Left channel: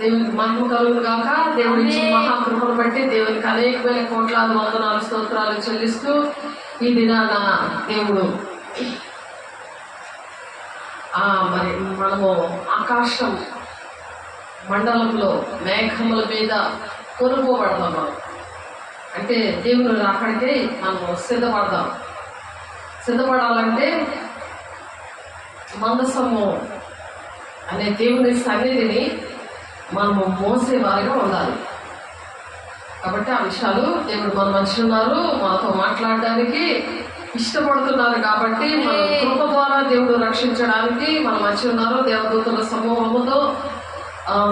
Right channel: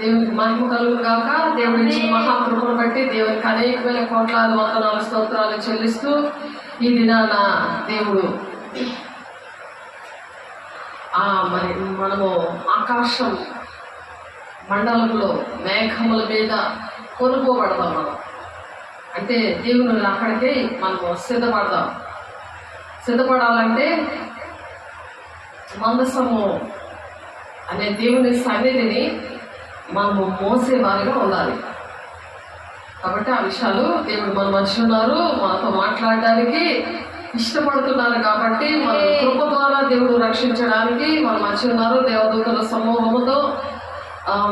దేవునికి మహిమ కలుగును గాక. దేవుడి ఇచ్చిన మహాకృపను బట్టి దేవునికి అనేకమైన కోట్లాది వందనాలు స్తోత్రాలు చెల్లిస్తూ ఈ దినాన దేవుడు మరి మనము ఆకాశం మండలంలో మేఘముల మీద కొనుక్కోబడదాం. మనం అంటే దేవుని అక్కడికి మనము సిద్ధపడాలంటే మందసము అనే దేవుని సన్నిధిని మనము మోసేవారిగా ఉండాలి. కాబట్టి ఆ విషయాలు దేవుడు మన మధ్య ఉన్నారు, మనతో మాట్లాడడానికి ఇష్టపడుతున్నారు. కాబట్టి మన కృప ద్వారా దేవుడు రక్షించడానికి మన మధ్య ఉన్నారు. దేవదూతల సమూహముతో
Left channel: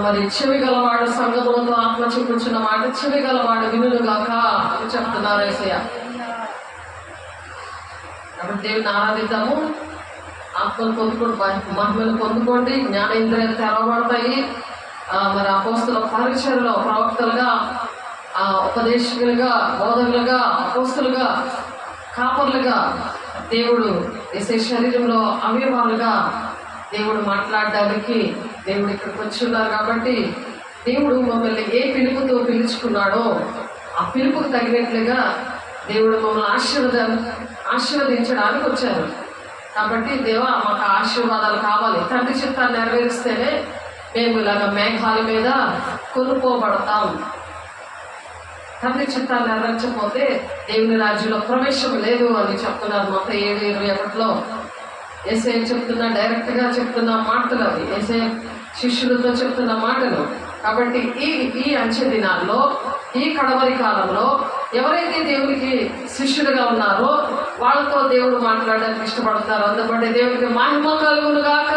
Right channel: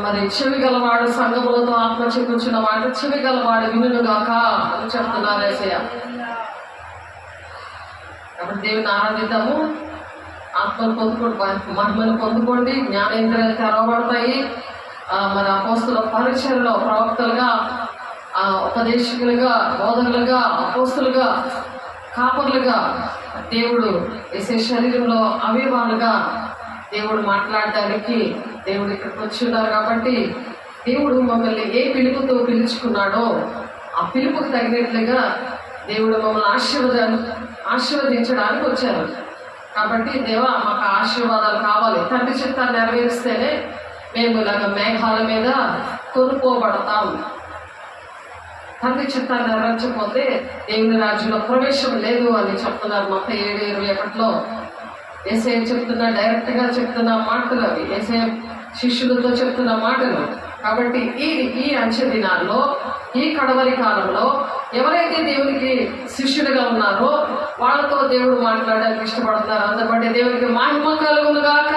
మరి చెవి గలవాడు సంఘములతో ఆత్మ చూపించిన మాట చెవి గలవాడు వినుగాక అని చెప్తున్నారు యేసయ్య. కాబట్టి దేవుని ఆరాధిద్దాము. ఆత్మను పొందుకోండి, మహిమను పొందుకోండి. జ్ఞానేంద్రియాలు తెరవబడతాయి. మరి అపోస్తుల పరిచర్యలో ప్రవక్తలుగా, ఉపదేశకులుగా, బోధకులుగా, అపోస్తులుగా, కాపర్లుగా దేవుడు యేసయ్య శరీరంలో అవయవాలుగా దేవుడు మాట్లాడడానికి దేవుడు ఇక్కడికి వచ్చి ఉన్నారు. కాబట్టి దేవుడు మమ్మల్ని ఏ పిలుపుతో పిలుచుకున్నాడో ఆ పిలుపుకు తగినట్లుగా దేవుడు మమ్మల్ని ఆశీర్వదించడానికి వచ్చారు. కాబట్టి దేవా మాకు ఆశీర్వాదాలు కావాలి. తండ్రి చిత్తాన్ని నెరవేరిస్తేనే మేము ఇలాగ మేఘాల మీద కొనుక్కోబడతాం. తండ్రి చిత్తాన్ని నెరవేర్చకపోతే దేవుని రాజ్యంలో ప్రవేశం లేదు అని చెప్తున్నారు. మొత్తం 7:21 యేసయ్య చెప్తున్నా, డైరెక్ట్గా చెప్తున్న మాటలు అవి, యేసయ్య శిష్యులతో చెప్తున్న మాటలు. కాబట్టి ఈ అంచె దినాల్లో, ఈ కడవరి కాలంలో ఎవరైతే దేవునికి శిష్యుడిగా ఉన్నారో వాళ్ళతో దేవుడు మాట్లాడడానికి ఇష్టపడుతున్నారు. అందుబట్టి దేవునికి మహిమ కలుగును గాక.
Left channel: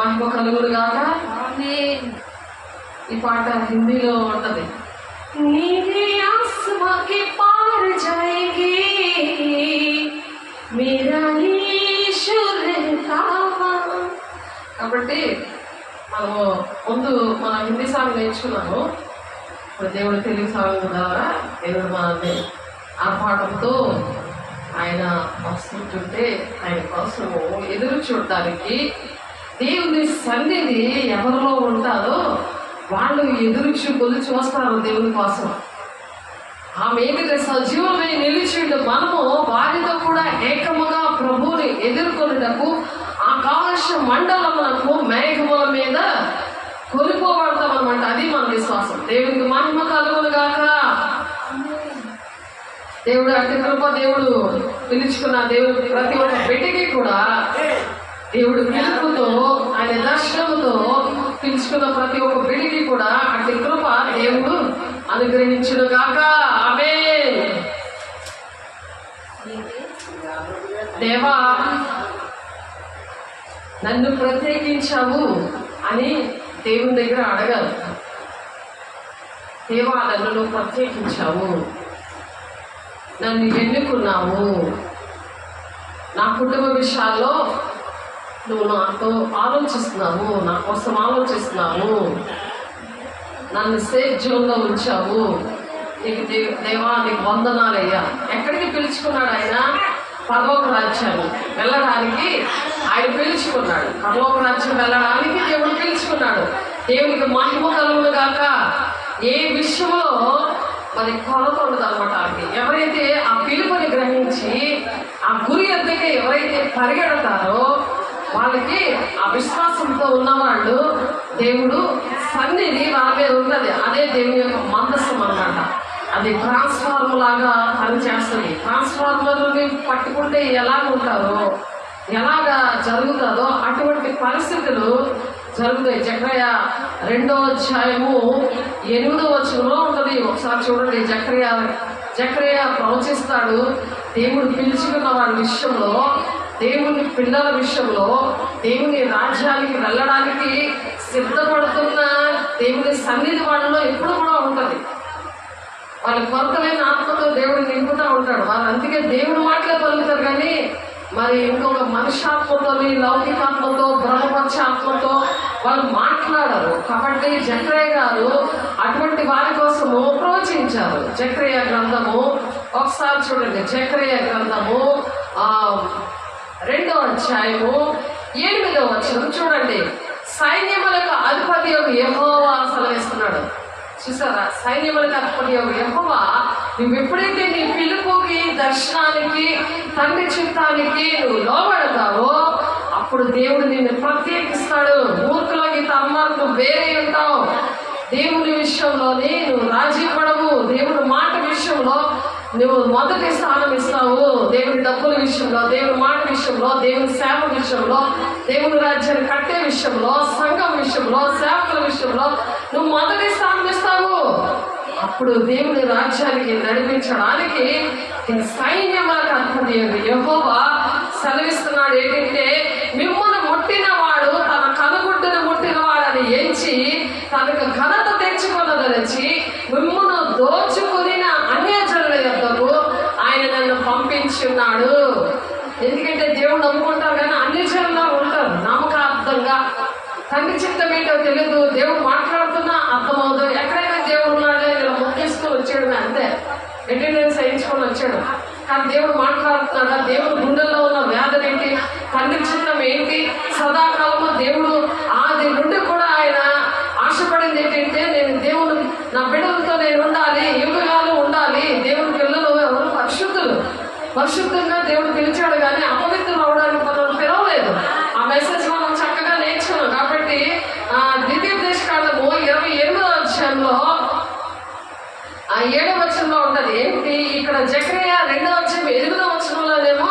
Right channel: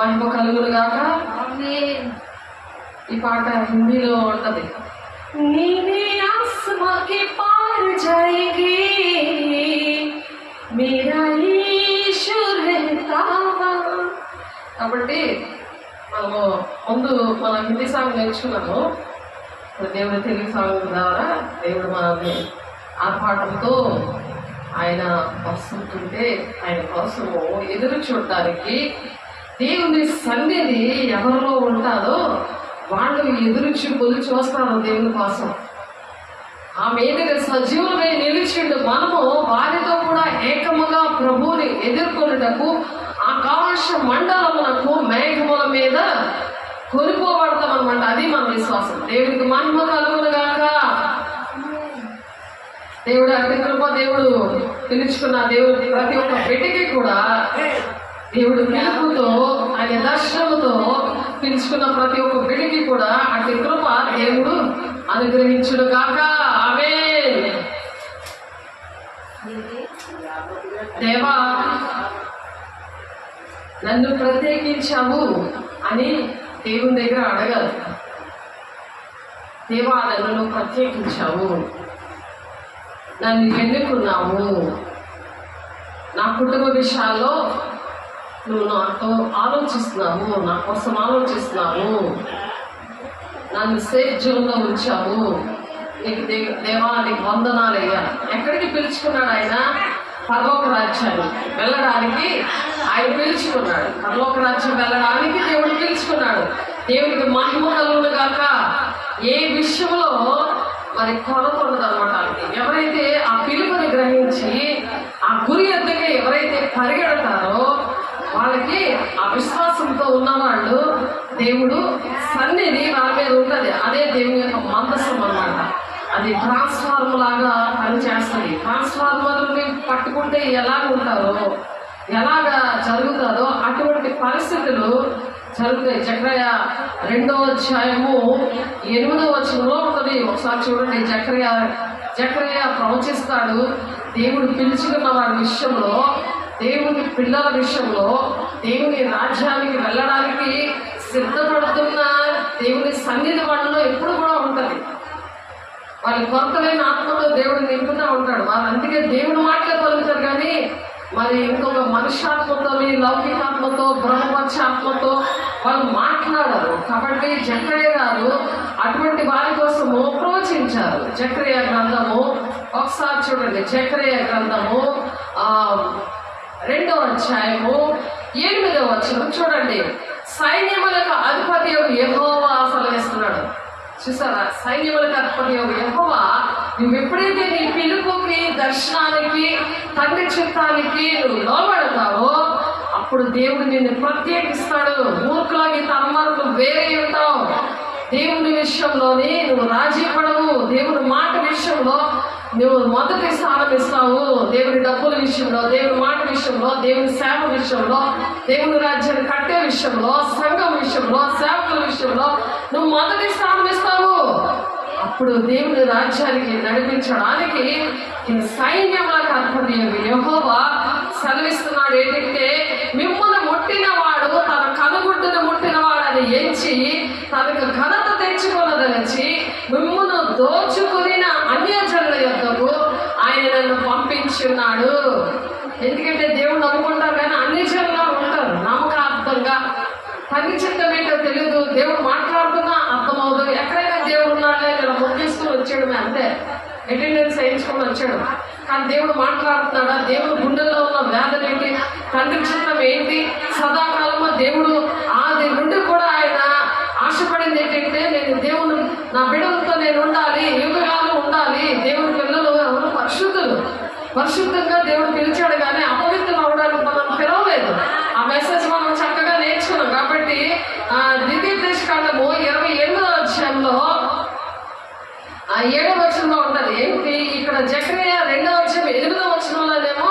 మహిమ కలుగును గాక. ఈ పాట హిందీలో ఉన్నది. నీవే ఆస్మా కే పార్ జాయేంగే మేరా కాబట్టి మనము ముందు మనం హిందీ సాంగ్ నేర్చుకున్నాము. ఇప్పుడు దేవుడు తెలుగు సాంగ్ ద్వారా దేవుడు మనల్ని ఆర్భాటంతో ఆయన వస్తుంటుంటే ఆయన కోసము ఎదురు చూడడానికి దేవుని సన్నిధి ఎవరిలో ఉంటారో వాళ్ళు ఎదురు చూస్తారు దేవుని కోసం. ఆ మీదుగా సజీవులై నిలిచిండు. మనము వారితో కూడా ఏకముగా ప్రభువుని ఎదుర్కొనుటకు ఆకాశ మండలమునకు మేఘముల మీద కొనిపోబడతాం అనమాట. అది మన విశ్వాసం. దేవునికి మహిమ కలుగును గాక. దేవుడు అతి కృప దేవుడు పిలుచుకున్న దేవుడు ప్రతి ఒక్క బిడ్డకి కూడా దేవుడు పిలుపుతో ఆయన దర్శనముతో పిలుచుకున్న ప్రతి ఒక్క బిడ్డకి కూడా అతి కృప దేవుడు అనుగ్రహించును గాక. ఆమేన్. దేవా నన్ను ప్రత్యేకించావు అని దేవుని దగ్గర అడగాలి. దేవా నన్ను నువ్వు ప్రత్యేకించావు, నన్ను ఎన్నుకున్నావు, నా కుటుంబ విషయాల్లో నువ్వు నాతో ఆలోచిస్తున్నావు, నా కోసం ఆలోచిస్తున్నావు, నన్ను సేఫ్ జోన్లో ఉంచావు. నీకు దేవా నీకు వందనాలయ్యా. ఎక్కడికి పిలుచుకున్నాడు ఆయన? పరలోక రాజ్యాన్ని వెళ్ళడానికి ఆయన పిలుచుకున్నాడు. పరలోక రాజ్యం వెళ్ళడానికి దేవుడు పిలుచుకున్నాడు. దేవునికి మహిమ కలుగును గాక. ఏ విషయంలో మరి కొరత ఉండదు అనమాట. ఎవరైతే ఆ పిలుపుని గ్రహించి ఆ గురి ఎద్దుకి ఎవరైతే పరిగెడతారో వాళ్ళకి ఆ విశ్వాసంతో ఉన్నవాళ్ళు దేవుడు సన్నిధి వాళ్ళ మీద ఉంటుంది. అదే దేవుని యొక్క మందసం అనమాట. అది ట్రాన్స్ఫార్మర్ లాగా పనిచేస్తుంది. ట్రాన్స్ఫార్మర్ని పట్టుకుంటే ఎలాగ ఉంటారో ఎలాగా జరుగుతుందో అటువంటి పరిస్థితులు జరుగుతాయి. జకర్యా 2వ అధ్యాయము 8వ వచనంలో ఉంటుంది. ఒకసారి చూడండి. జకర్యా ప్రవచిస్తాడు. దేవుడు పిలుచుకున్న వారి విషయంలో, దేవుని పిల్లల విషయంలో, దేవుని రాజ్యానికి వెళ్ళడానికి సిద్ధపడుతున్న దేవుని సన్నిధి వాళ్ళలో ఎప్పుడు కూడా ఉంటుంది. వాళ్ళ కొరత లేని ఆత్మతో దేవుడు నింపుతూ ఉంటాడు. వాళ్ళు అందుకే దేవుడు మాటలే పలుకుతారు కానీ మరి ఇంకొక మనుష్యాత్మతో, లౌకికాత్మతో, బ్రహ్మపక్ష ఆత్మతో వాళ్ళు మాట్లాడరు. కాబట్టి జకర్యా గారు అటువంటి వారి కోసము ప్రవచించారు. జకర్యా గ్రంథము ఒకసారి చూడండి. జకర్యా గ్రంథము 2వ అధ్యాయము 8వ వచనం చూడండి. సైన్యములకు అధిపతి యెహోవా సెలవిస్తున్నాడు. చూసారా? సైన్యములకు అధిపతి యెహోవా నువ్వు ఎప్పుడైతే నీ పిలుపుకి, దర్శనానికి, తండ్రి చిత్తానికి నువ్వు లోబడతావో అప్పుడు దేవుడు నిన్ను ప్రత్యేకిస్తాడు. మూర్ఖులకి తమ్మకు నువ్వు వేరే ఉంటావు. దేవుని విషయంలోని నువ్వు రాజీ పడవు. దేవుని మాట విషయంలో నువ్వు మొదటి స్థానం ఇస్తావు. దేవుని డబ్బుల విషయంలో, దేవుని మాట విషయంలో, దేవుని సేవ విషయంలో, దేవుని రాజ్యాన్ని కట్టే విషయంలో, సంఘం విషయంలో, సేవకుల విషయంలో నువ్వు మొదటి స్థానం ఇస్తావు. అప్పుడు దేవుని రాజ్యానికి నడిపించడానికి సైన్యములకు అధిపతి యెహోవా సెలవిస్తున్నాడు. ఏంటంటే మిమ్మల్ని ముట్టినవాడు తన కనుగుడ్డును ముట్టినవాడని ఎంచి తనకు ఘనత తెచ్చుకున్నదనిచ్చి మిమ్మల్ని దోచుకుని అన్యజనుల యొద్దకు ఆయన నన్ను పంపించున్నాడు. ఎందుకంటే దేవుడు నమ్ముకుంటారు కానీ అన్యజనులా ఉంటారు. నమ్మకార్థంగా తండ్రి చిత్తం ఏంటో తెలియదు. దేవుడు మాట్లాడుతున్నా అర్థమవుతుంది. ఎక్కడైనా దేవుడు ఉన్నాడే ఇలా మొక్కేసుకొని వచ్చాడు, అంతే అటెండెన్స్ వేయించుకొని వచ్చాడు. కానీ దేవుడు మాట్లాడుతున్నాడా? దేవుడు గుండెల్లో ఉన్న వేదన ఏంటి, తండ్రి చిత్తం ఏంటి, సదాకాలము దేవుడు ఆది నుండి కూడా ఆయన ఆశపడింది ఏంటంటే నేను దేవుడు నా బిడ్డలతో నేను ఉండాలి, యుగాలు ఉండాలి. దేవుడి పిల్లలు ఎవరు పరిశుద్ధులు, పరిశుద్ధంగా దేవుడు పిలిచాడు కానీ అపవిత్రం అవడానికి మనం పిలవలేదు. ఆ మెసేజ్ మనం చక్కగా నేర్చుకున్నాం. కాబట్టి ద్వితీయోపదేశకాండము 28వ అధ్యాయంలో 7వ వచనంలో ఉంటది. ఏంటి ఇక్కడ జకర్యా 2వ అధ్యాయం 8వ వచనంలోనేమో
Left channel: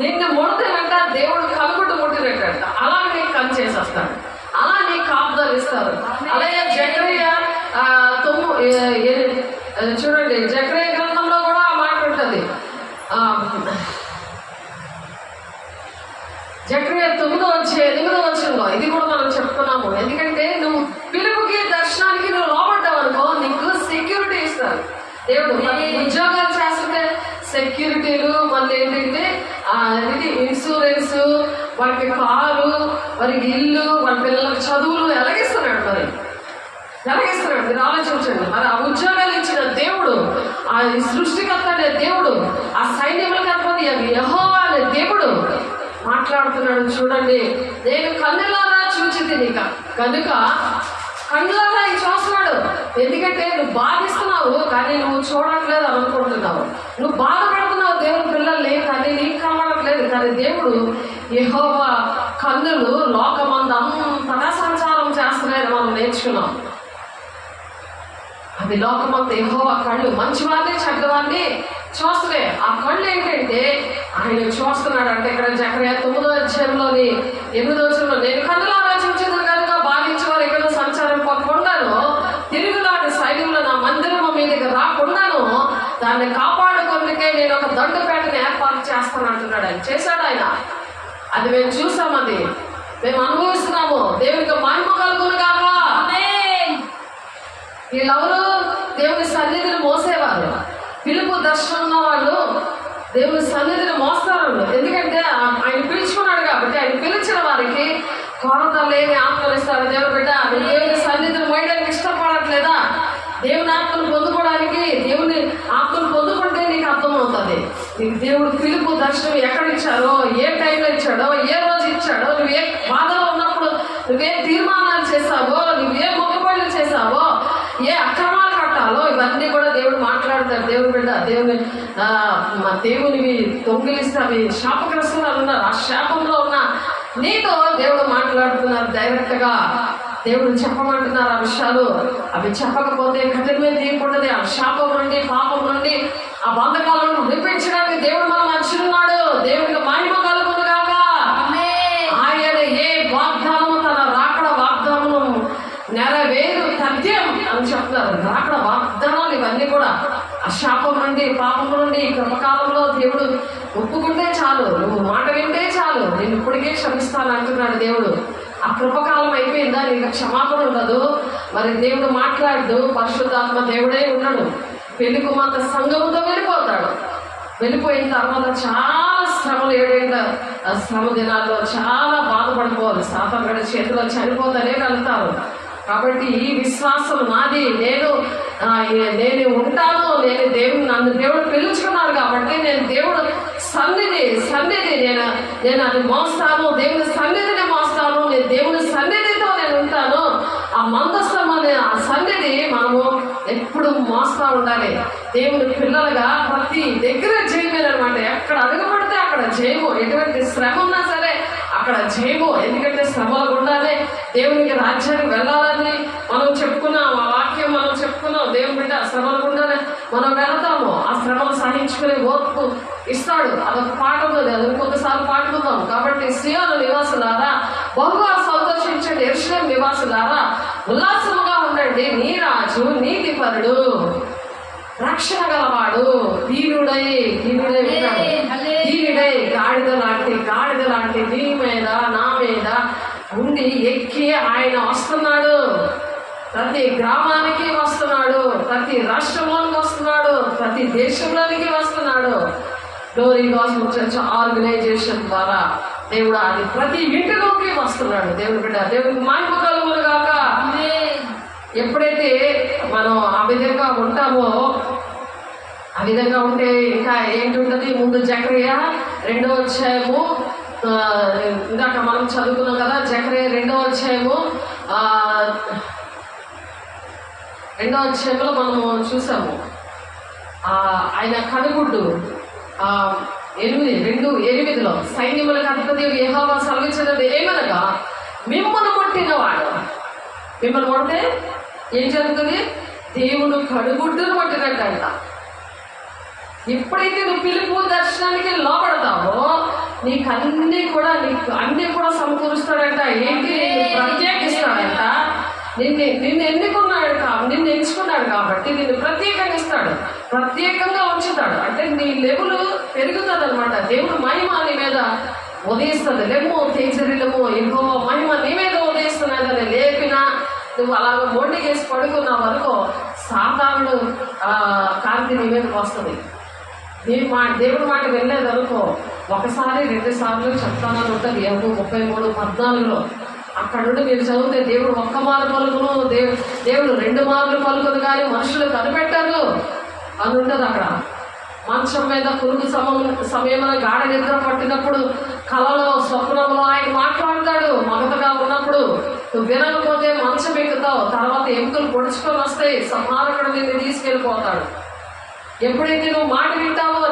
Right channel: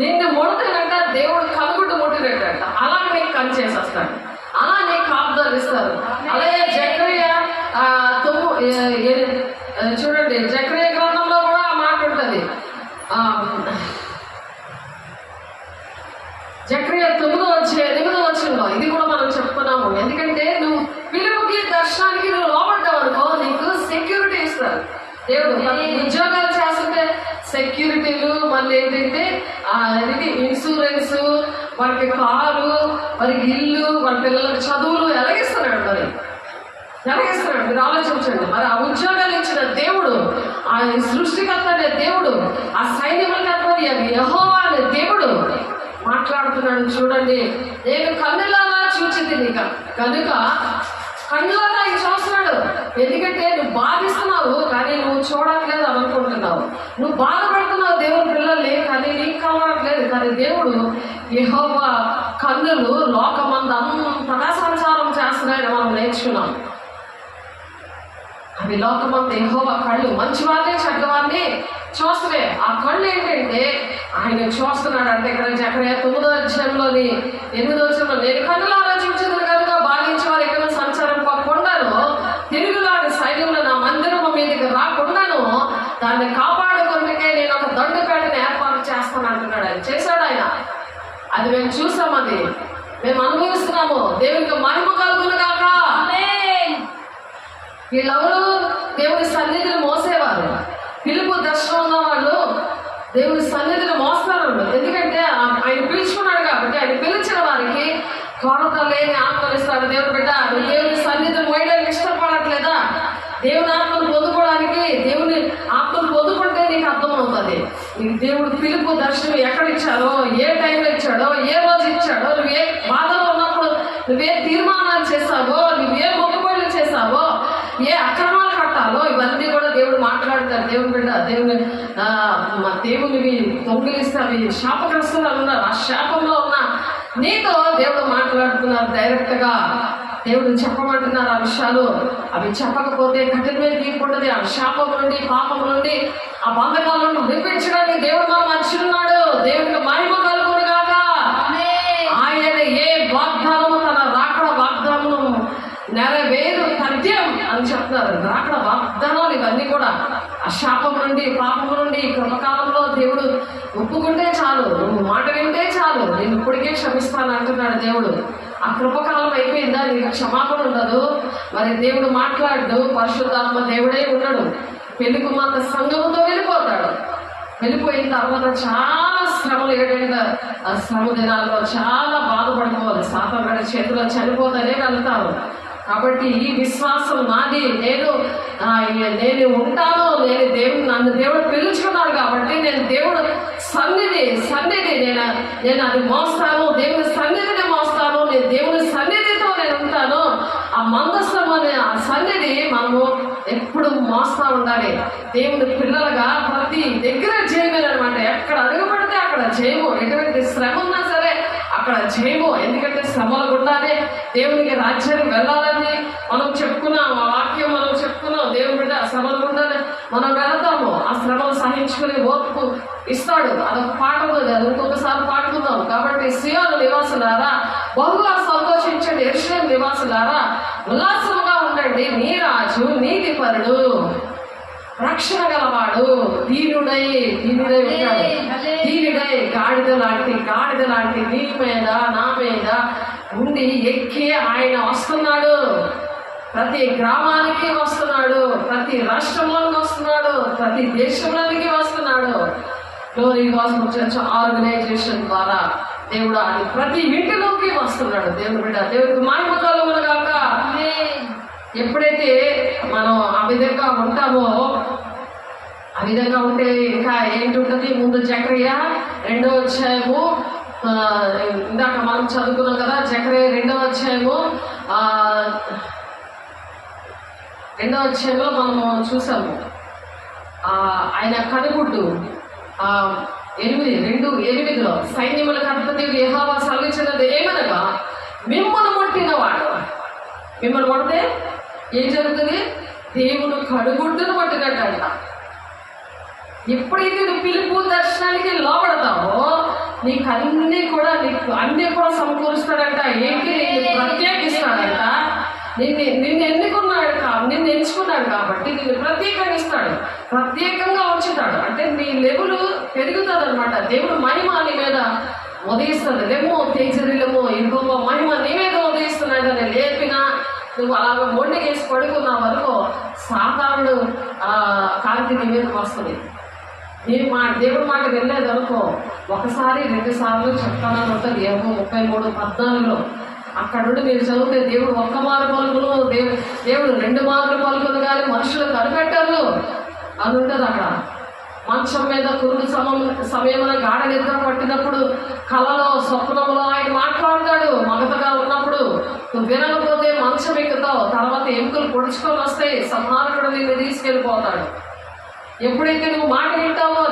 నిన్ను ముడతేనంట దేవుడు కనుగుడ్డు ముట్టినట్టంట. అలా నీకు కని చేసేస్తాడు, అలా నీకు కాపుదాలు ఇస్తారు. అలాగే జకర్యా చూడండి. జకర్యా గ్రంథంలో కూడా ఆ మాట ఉంటుంది. జకర్యా 9వ అధ్యాయం 8వ వచనంలో ఇది కూడా మనం చెప్పుకున్నాము. ఎందుకంటే నువ్వు పిలుపుకి, దర్శనానికి నువ్వు లోపడ్డావు అనుకో నీకు సెక్యూరిటీ ఇస్తారు దేవుడు. ఉద్యోగాలు చేస్తుంటే సెక్యూరిటీలు, మళ్ళీ ఏంటంటే ఇది ఇన్సూరెన్స్, వాళ్ళకి కారు, వారికి ఇల్లు, వాళ్ళ పిల్లలకు చదువులు ఎలాగిస్తున్నాడు. ఎలాగిస్తున్నాడు మీరు ఆలోచించండి. మరి ఆ ఉద్యోగాలు ఇచ్చిన దేవుడు, ఆ సృష్టికర్త అనే దేవుడు, ఆ సైన్యములకు అధిపతి అని యెహోవా అనే దేవుడు మాట్లాడుతున్నాడు. చూడండి, నేను కన్నులారా చూచితిని కనుక కన్నులారా ఆయన చూస్తున్నాడు. ఎందుకంటే నువ్వు బాధిస్తున్నావు కానీ నువ్వు చూడట్లేదు అని అనుకుంటున్నావు. నువ్వు బాధపడుతున్నావు దేవుని పిల్లల్ని కానీ నీకు కనబడట్లేదు. కానీ దేవుడు యెహోవా కన్నులు లోకమందంతటా సంచారం చేస్తున్నాయని మనం నేర్చుకున్నాం. అవి లోకమంతా యెహోవా కళ్ళు మంచివాడిని చెడ్డవాడిని చూస్తున్నాయి. ఆ కళ్ళు ఏంటంటే ఆయన చూస్తున్నాడు. అంటే ఇక్కడ జకర్యా 9వ అధ్యాయంలోని 8వ వచనంలో నేను కన్నులారా చూచితిని కనుక బాధించి వారు ఎక్కడ సంచారం పోకుండాను తిరుగులాంటి సైన్యములు నా మందిరము మీదకి రాకుండాను దాన్ని కాపాడుకొందుకే నేను ఒక దండుపేటను ఏర్పాటు చేస్తాను అంటున్నాడు. ఆయన చేశాడు. ఆయన అది మేము చూసాం, అది మేము అనుభవిస్తున్నాము. దేవునికి మహిమ కలుగును గాక. వీళ్ళెవరు? దేవుని సన్నిధిని మోసేవారు. పిలుపు దర్శనం ఉన్న వాళ్ళు దేవుని సన్నిధిని మోస్తారు. ఎందుకంటే ఆయన పిలుచుకున్నాడు కాబట్టి ఆయన పిలిచిన వారికి కొరత లేని ఆత్మలు ఇస్తాడు. దేవుడు బిడ్డ, దేవుని సన్నిధిని మోయడానికి ఇష్టపడట్లేదా? దేవుని ఆత్మను పొందుకోవడానికి, దేవుని ఆత్మను పొందుకుంటే నీకు అర్థమవుతుంది. నీకు దేవుడు పిలుపు దర్శనం ఎక్కడ ఇచ్చారో, ఏ టైంలో ఇచ్చాడో, ఏ రోజు ఇచ్చాడో, నువ్వు ఏ బాధలో ఉన్నప్పుడు నువ్వే తీర్మానాలు చేసావో, నువ్వే మొక్కుబడులు చేసావో, ఏ అక్రమాలు కట్టాలో ఇవన్నీ కూడా దేవుడు మాట్లాడతారు. దేవుని బిడ్డ, దేవునివి దొంగిలిస్తే అవి శాపగ్రస్తులు ఉన్నారు. ఆ శాపంలో ఉన్న నీతో దేవుడు మాట్లాడుతున్నారు డైరెక్ట్గా. దేవుడు చెప్పమంటున్నారు ఆ విషయాలు. అవి చెప్పకపోతే కఠినమైన తీర్పుంటది. ఆ శాపం నుండి, పాపం నుండి, ఆ బంధకాల నుండి విడిపించడానికి దేవుడు మనం మంచిన్నాడు. దేవునికి మహిమ కలుగును గాక. ఆయన ఏ వాగ్దానము తన రాకడ వాగ్దానం నెరవేరు తథ్యం అని చెప్తున్నారు. రాకడ వాగ్దానాలు ఇవన్నీ కూడా ఆ శాపం నుండి, పాపం నుండి కృపకాలంలో దేవుడు ఒప్పుకుంటే చాలు, నువ్వు మాట వింటే చాలు, నేను ఇప్పటికే క్షమిస్తాను అంటున్నాడు దేవుడు. ఆ కృపకాలం అయిపోయిందా? నీకు క్షమాపణ ఉండదు. మరి దేవుడు మాట్లాడు. పరిశుద్ధాత్మ దేవుడే ఉన్నాడు. పెళ్లి కుమార్తె సంఘంతో వెళ్ళిపోతాడు. వెళ్ళిపోయిన తర్వాత చాలా శ్రమలు, 7 ఏళ్ళ శ్రమ దినాల్లో చాలా బాధపడిపోవాలి. సాతాను చేతిలో చనిపోతానే వెళ్తారు. కాబట్టి ఈ విశ్వాసం నాది, నేను ఉంటాను. నన్ను దేవుడు పిలుచుకున్నాడు కాబట్టి నేను దేవుడు సన్నిధి నేను అది మోస్తాను. దేవుని సన్నిధిని మోస్తాను. నేను దేవుని సన్నిధితో నేను ఉంటాను. ఆ మందస్థం అనే ఆ సన్నిధి మనము ఎప్పుడు మోస్తా ఉండాలి. దేవుని పిల్లలుగా ప్రతి దగ్గర జయమే అనమాట. ఎక్కడ అడుగుపడితే అక్కడ జయము. ఎటువంటి శ్రమ ఉన్నా సరే అక్కడ జయము. ఎందుకంటే శ్రమల గుండానే దేవునికి రాజ్యానికి వెళ్ళాలని మనం చెప్పుకున్నాం. ఆ వాక్యం మనం చెప్పుకున్నాం. దేవుని బిడ్డ శ్రమల గుండానే మనం వెళతాము. ఆ శ్రమలు సహించుకునే ఓర్పు ఇస్తాడు. అదొక పాట ఉన్నది, అది ఇంకొకసారి పాటుకుందాం. కాబట్టి సియోను నివాసులారా బహుగా సంతోషించండి, యెరూషలేము నివాసులారా ఉల్లాసముగా ఉండండి. నీ రాజు నీతిపరుడు, రక్షణ గలవాడు, దీనుడై ఉంటాడు. దీనుడై గాడిద లాంటి నీ మీద నా మీద ఉండి ఎక్కి ఆయన వస్తున్నాడు. ప్రతి గ్రామానికి వస్తున్నాడు, ప్రతి రాష్ట్రంలోనికి వస్తున్నాడు, ప్రతి దేశంలోనికి వస్తున్నాడు. గ్లోరీ గాస్పెల్ చర్చ్ ఆర్గనైజేషన్ ద్వారా దేవుడు అది ప్రతి ఇంటిలోకి వస్తున్నాడు. దేవుని బిడ్డ, దేవుడికి మహిమ కలుగును గాక. ఎప్పుడైతే మనం ఆ విధంగా ఉంటామో, ఆ విధంగా ఉంటే ఇంకా ఏంటి ఉంటుంది? ముందు జకర్యా 2వ అధ్యాయము, ఇందాక మనం చదువుకున్నాం కదా, జకర్యా 2వ అధ్యాయము 2వ అధ్యాయంలో మనము చూసాము. ఆయన కనుగుడ్డు 8:8 సైన్యములకు అధిపతి యెహోవా సెలవిచ్చినది ఏమనగా, మిమ్మల్ని ముట్టినవాడు. మిమ్మల్ని కొడితే ఏం జరుగుతుంది? దేవుని కనుగుడ్డును పట్టినట్టంట. ఎప్పుడైతే నువ్వు పిలుపు దర్శనానికి లోపడతావో నీకు అన్నీ కూడా సమకూరుస్తాడంట. ఏంటి? ప్రత్యేకిస్తాడంట. నిన్ను ఎంచుకున్నాడు కాబట్టి నిన్ను ప్రత్యేకంగా ఇస్తాడు, ప్రత్యేకంగా ఉంచుతాడు. అంటే నీ లెవెల్ పెరుగుతుంది అనమాట. దేవుడు మహిమ నీ మీద ఉదయిస్తుంది. లెమ్మో తేజరిలమో ఇంకో మహిమ నీ మీద ఉదయిస్తున్నాడని లేపినా నువ్వు అలాగ మొండికేసి పడుకున్న వరకు సాధారణ కాంతి నీ మీదకి వస్తుంది. దేవుడి మాట వెళ్ళలేదు అనుకో, ఒకసారి 2 సార్లు చెప్తానని ఉంటుంది. యోబు 33:14 అక్కడ నుండి మీరు చదివితే దేవుడు 1 మారు పలుకును, దేవుడు 2 మార్లు పలుకును, కానీ మనుషులు కనిపెట్టారు అని ఉంటుంది అక్కడ. మంచం మీద పురుగు సమయంలో గాఢ నిద్ర పట్టినప్పుడు కలలో స్వప్నంలో ఆయన మాట్లాడతాడు. మగతగా ఉన్నప్పుడు నువ్వు వినకపోతే మంచం ఎక్కుతావు, తర్వాత ఎముకలు పొడుచుకొని వస్తాయి, సంహారకుడు నిన్ను తీసుకెళ్ళిపోతాడు. ఎప్పుడైతే నువ్వు మాట వింటావో,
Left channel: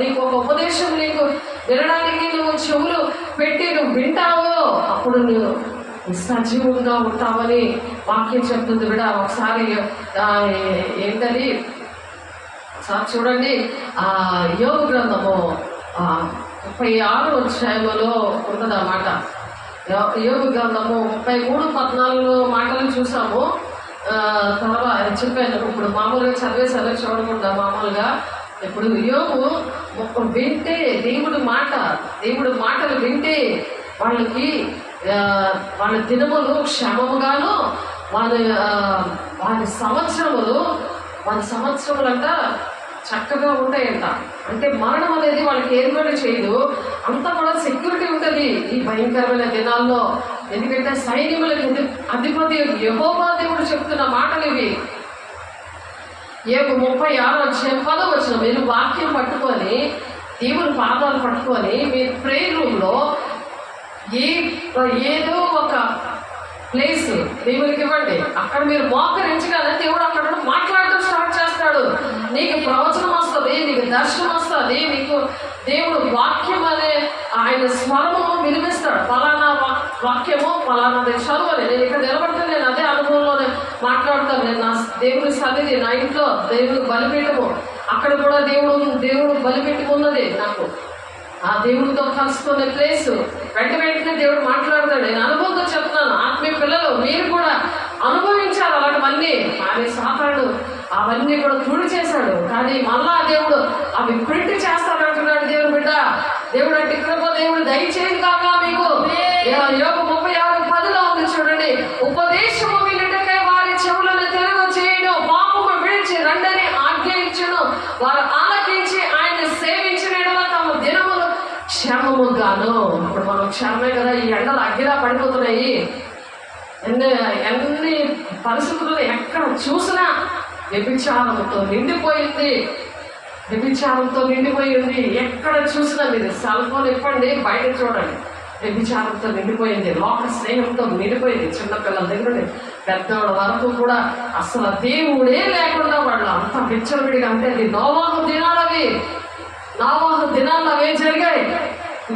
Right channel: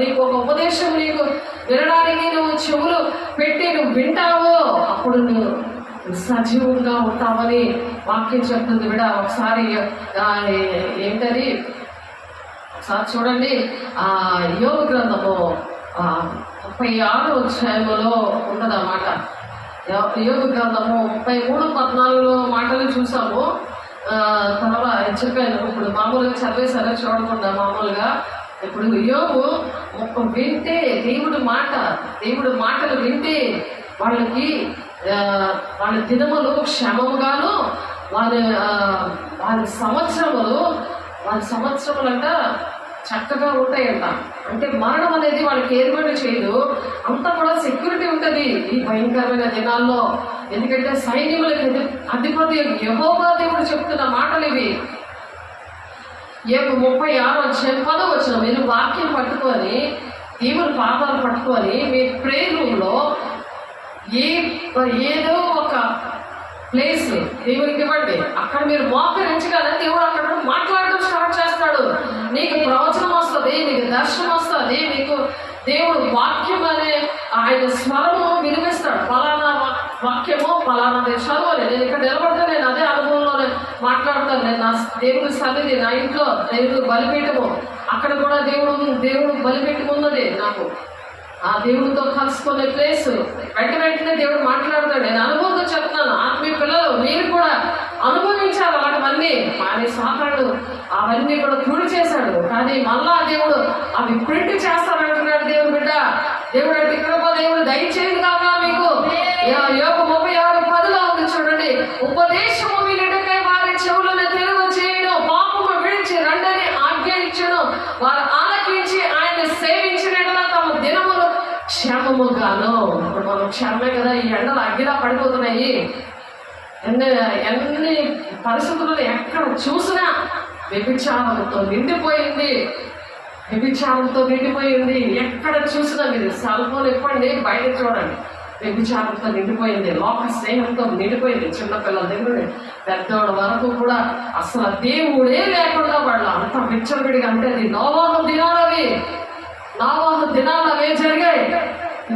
నీకు ఒక ఉపదేశం నీకు వినడానికి నువ్వు చెవులు పెట్టి నువ్వు వింటావో, అప్పుడు నువ్వు సజీవంగా ఉంటావని వాక్యం చెప్తుంది. విడ ఒకసారి ఏంటది ఒకసారి చూడండి, యోబు గ్రంథము 36వ అధ్యాయంలో ఉన్నదన్నమాట. యోబు గ్రంథము 33:14 మాటలు చూసాము. తర్వాత చెప్పాను, ఇప్పుడు మామూలుగా చదివేసారో చూడకుండా మామూలుగా. ఇప్పుడు యోబు వింటే దేవుడి మాటలు వింటే వాళ్ళకి వాళ్ళ దినములు క్షేమముగాను, వాళ్ళ సంవత్సరములంట చక్కగా ఉంటాయంట. అంటే మరణం అనేది వాళ్ళకి ఏర్పాటు చేయదు, అంతా కూడా సెక్యూరిటీ ఉంటుంది ఈ భయంకరమైన దినాల్లో. ఎందుకంటే సైనికులకి అధిపతి యెహోవా దేవుడు చెప్తున్న మాటలు ఇవి. యోబు 36వ అధ్యాయం 10వ వచనం, మీరు వాక్యం పట్టుకొని దేవుని పాదాలు పట్టుకొని మీ ప్రేయర్ రూమ్లో ఏదో ఒక ప్లేస్ దేవునికి ఇవ్వండి. అక్కడ మీరు మోకరించగానే దేవుడు అక్కడ మాట్లాడటం స్టార్ట్ చేస్తాడు. నీకు ప్రవచనం వస్తుంది, నీకు దర్శనం వస్తుంది, నీకు దేవుడు వాక్యం అనే ఆయన స్వరము వినిపిస్తాడు. ఫలానా వాక్యము ఫలానా చదువు అని. నేను ఇక్కడ నిలబడితే నేను అదే అనుభవంలో మాట్లాడతాను. నేను నా దేవుని సన్నిధి, నా ఇంట్లో దేవుని బలిపీఠము, అక్కడ కూడా దేవుడు బలిపెట్టి ఉన్నది నాకు. ఆ దేవుడితో కలుసుకునే ప్లేస్ వెంటనే దేవుడు మాట్లాడతాడు. నేను అనుభవంతో చెప్తున్నాను. ఆత్మీయ పిల్లలు మీరు కూడా అనుభవించాలి అలాంటివన్నీ. కానీ సాతానుడు అవన్నీ కూడా తుడి చేశాడు. కానీ మళ్ళా దేవుడు అవి ప్రింట్ చేస్తానంటున్నాడు. దేవుడు బిడ్డ, దేవుడు అంటే కృప దేవుడు దయచేయదు కాక మీకు. యోబు 36:10 ఉంది చూడండి, ఉపదేశము వినుటకై వారి చెవులను తెరుగు చేయడం, పాపము విడిచి రండని ఆజ్ఞ ఇచ్చను, వారు ఆలకించి ఆయన సేవించిన తమ దినములు క్షేమముగాను. ఇప్పుడు మనం క్షేమమే కదా, ఈ ఎండలు అగ్గిలా పడిపోతున్నాయి. ఎన్ని పరిస్థితులను ఎక్కడ చూసినా వ్యభిచారంతో నిండిపోయింది. ఎక్కడ చూసినా మీరు సెల్ ఫోన్ ఇప్పండి, బయట చూడండి, వ్యభిచారంతో నిండిపోయింది, లోక స్నేహంతో నిండిపోయింది. చిన్నపిల్లల దగ్గర పెద్దవాళ్ళ వరకు కూడా అసలు దేవుడే లేకుండా వాళ్ళు అంత విచ్చలవిడిగా. అంటే అది నోవాహు దినాలు అవే జరిగాయి.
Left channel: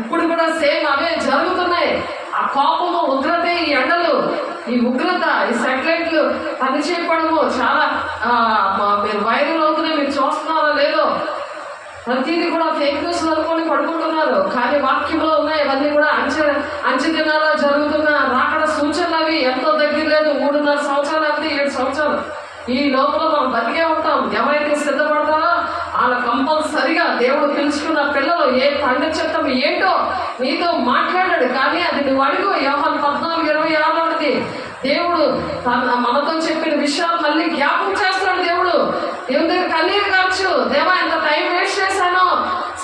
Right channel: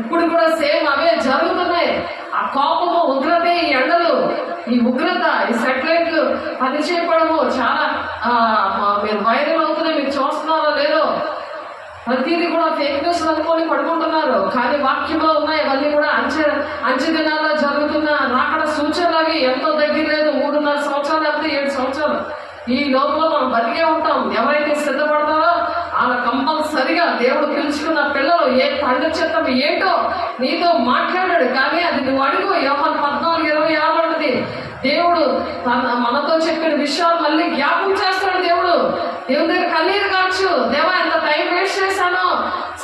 ఇప్పుడు కూడా సేమ్ అవే జరుగుతున్నాయి. ఆ కోపము, ఉగ్రతే, ఈ ఎండలు, ఈ ఉగ్రత, ఈ సెటిలైట్లు పనిచేయడము చాలా మీరు వైరల్ అవుతున్నాయి. మీరు చూస్తున్నారో లేదో, ప్రతిదీ కూడా ఫేక్ న్యూస్ అనుకొని పడుకుంటున్నారు. కానీ వాక్యంలో ఉన్నాయి అవన్నీ కూడా అంచె దినాల్లో జరుగుతున్న రాకడ సూచనలు. అవి ఎంతో దగ్గర లేదు, 3.5 సంవత్సరాలు లేకపోతే 7 సంవత్సరాలు. ఈ లోపల మనం బతికే ఉంటాం. ఎవరైతే సిద్ధపడతారో వాళ్ళ కంపల్సరిగా దేవుడు పిలుచుకున్న పిల్లలు ఏ తండ్రి చిత్తం ఏంటో నీతో మాట్లాడాడు. కానీ అది నువ్వు అడుగు. యోహాను 14:26 ఉంటుంది. దేవుడు మనతో చెప్పిన విషయాలు మళ్ళీ జ్ఞాపకం చేస్తాడు. దేవుడు దేవుని దగ్గర కన్నీరు కావచ్చు. దేవా, ఎంత టైం వేస్ట్ చేశాను,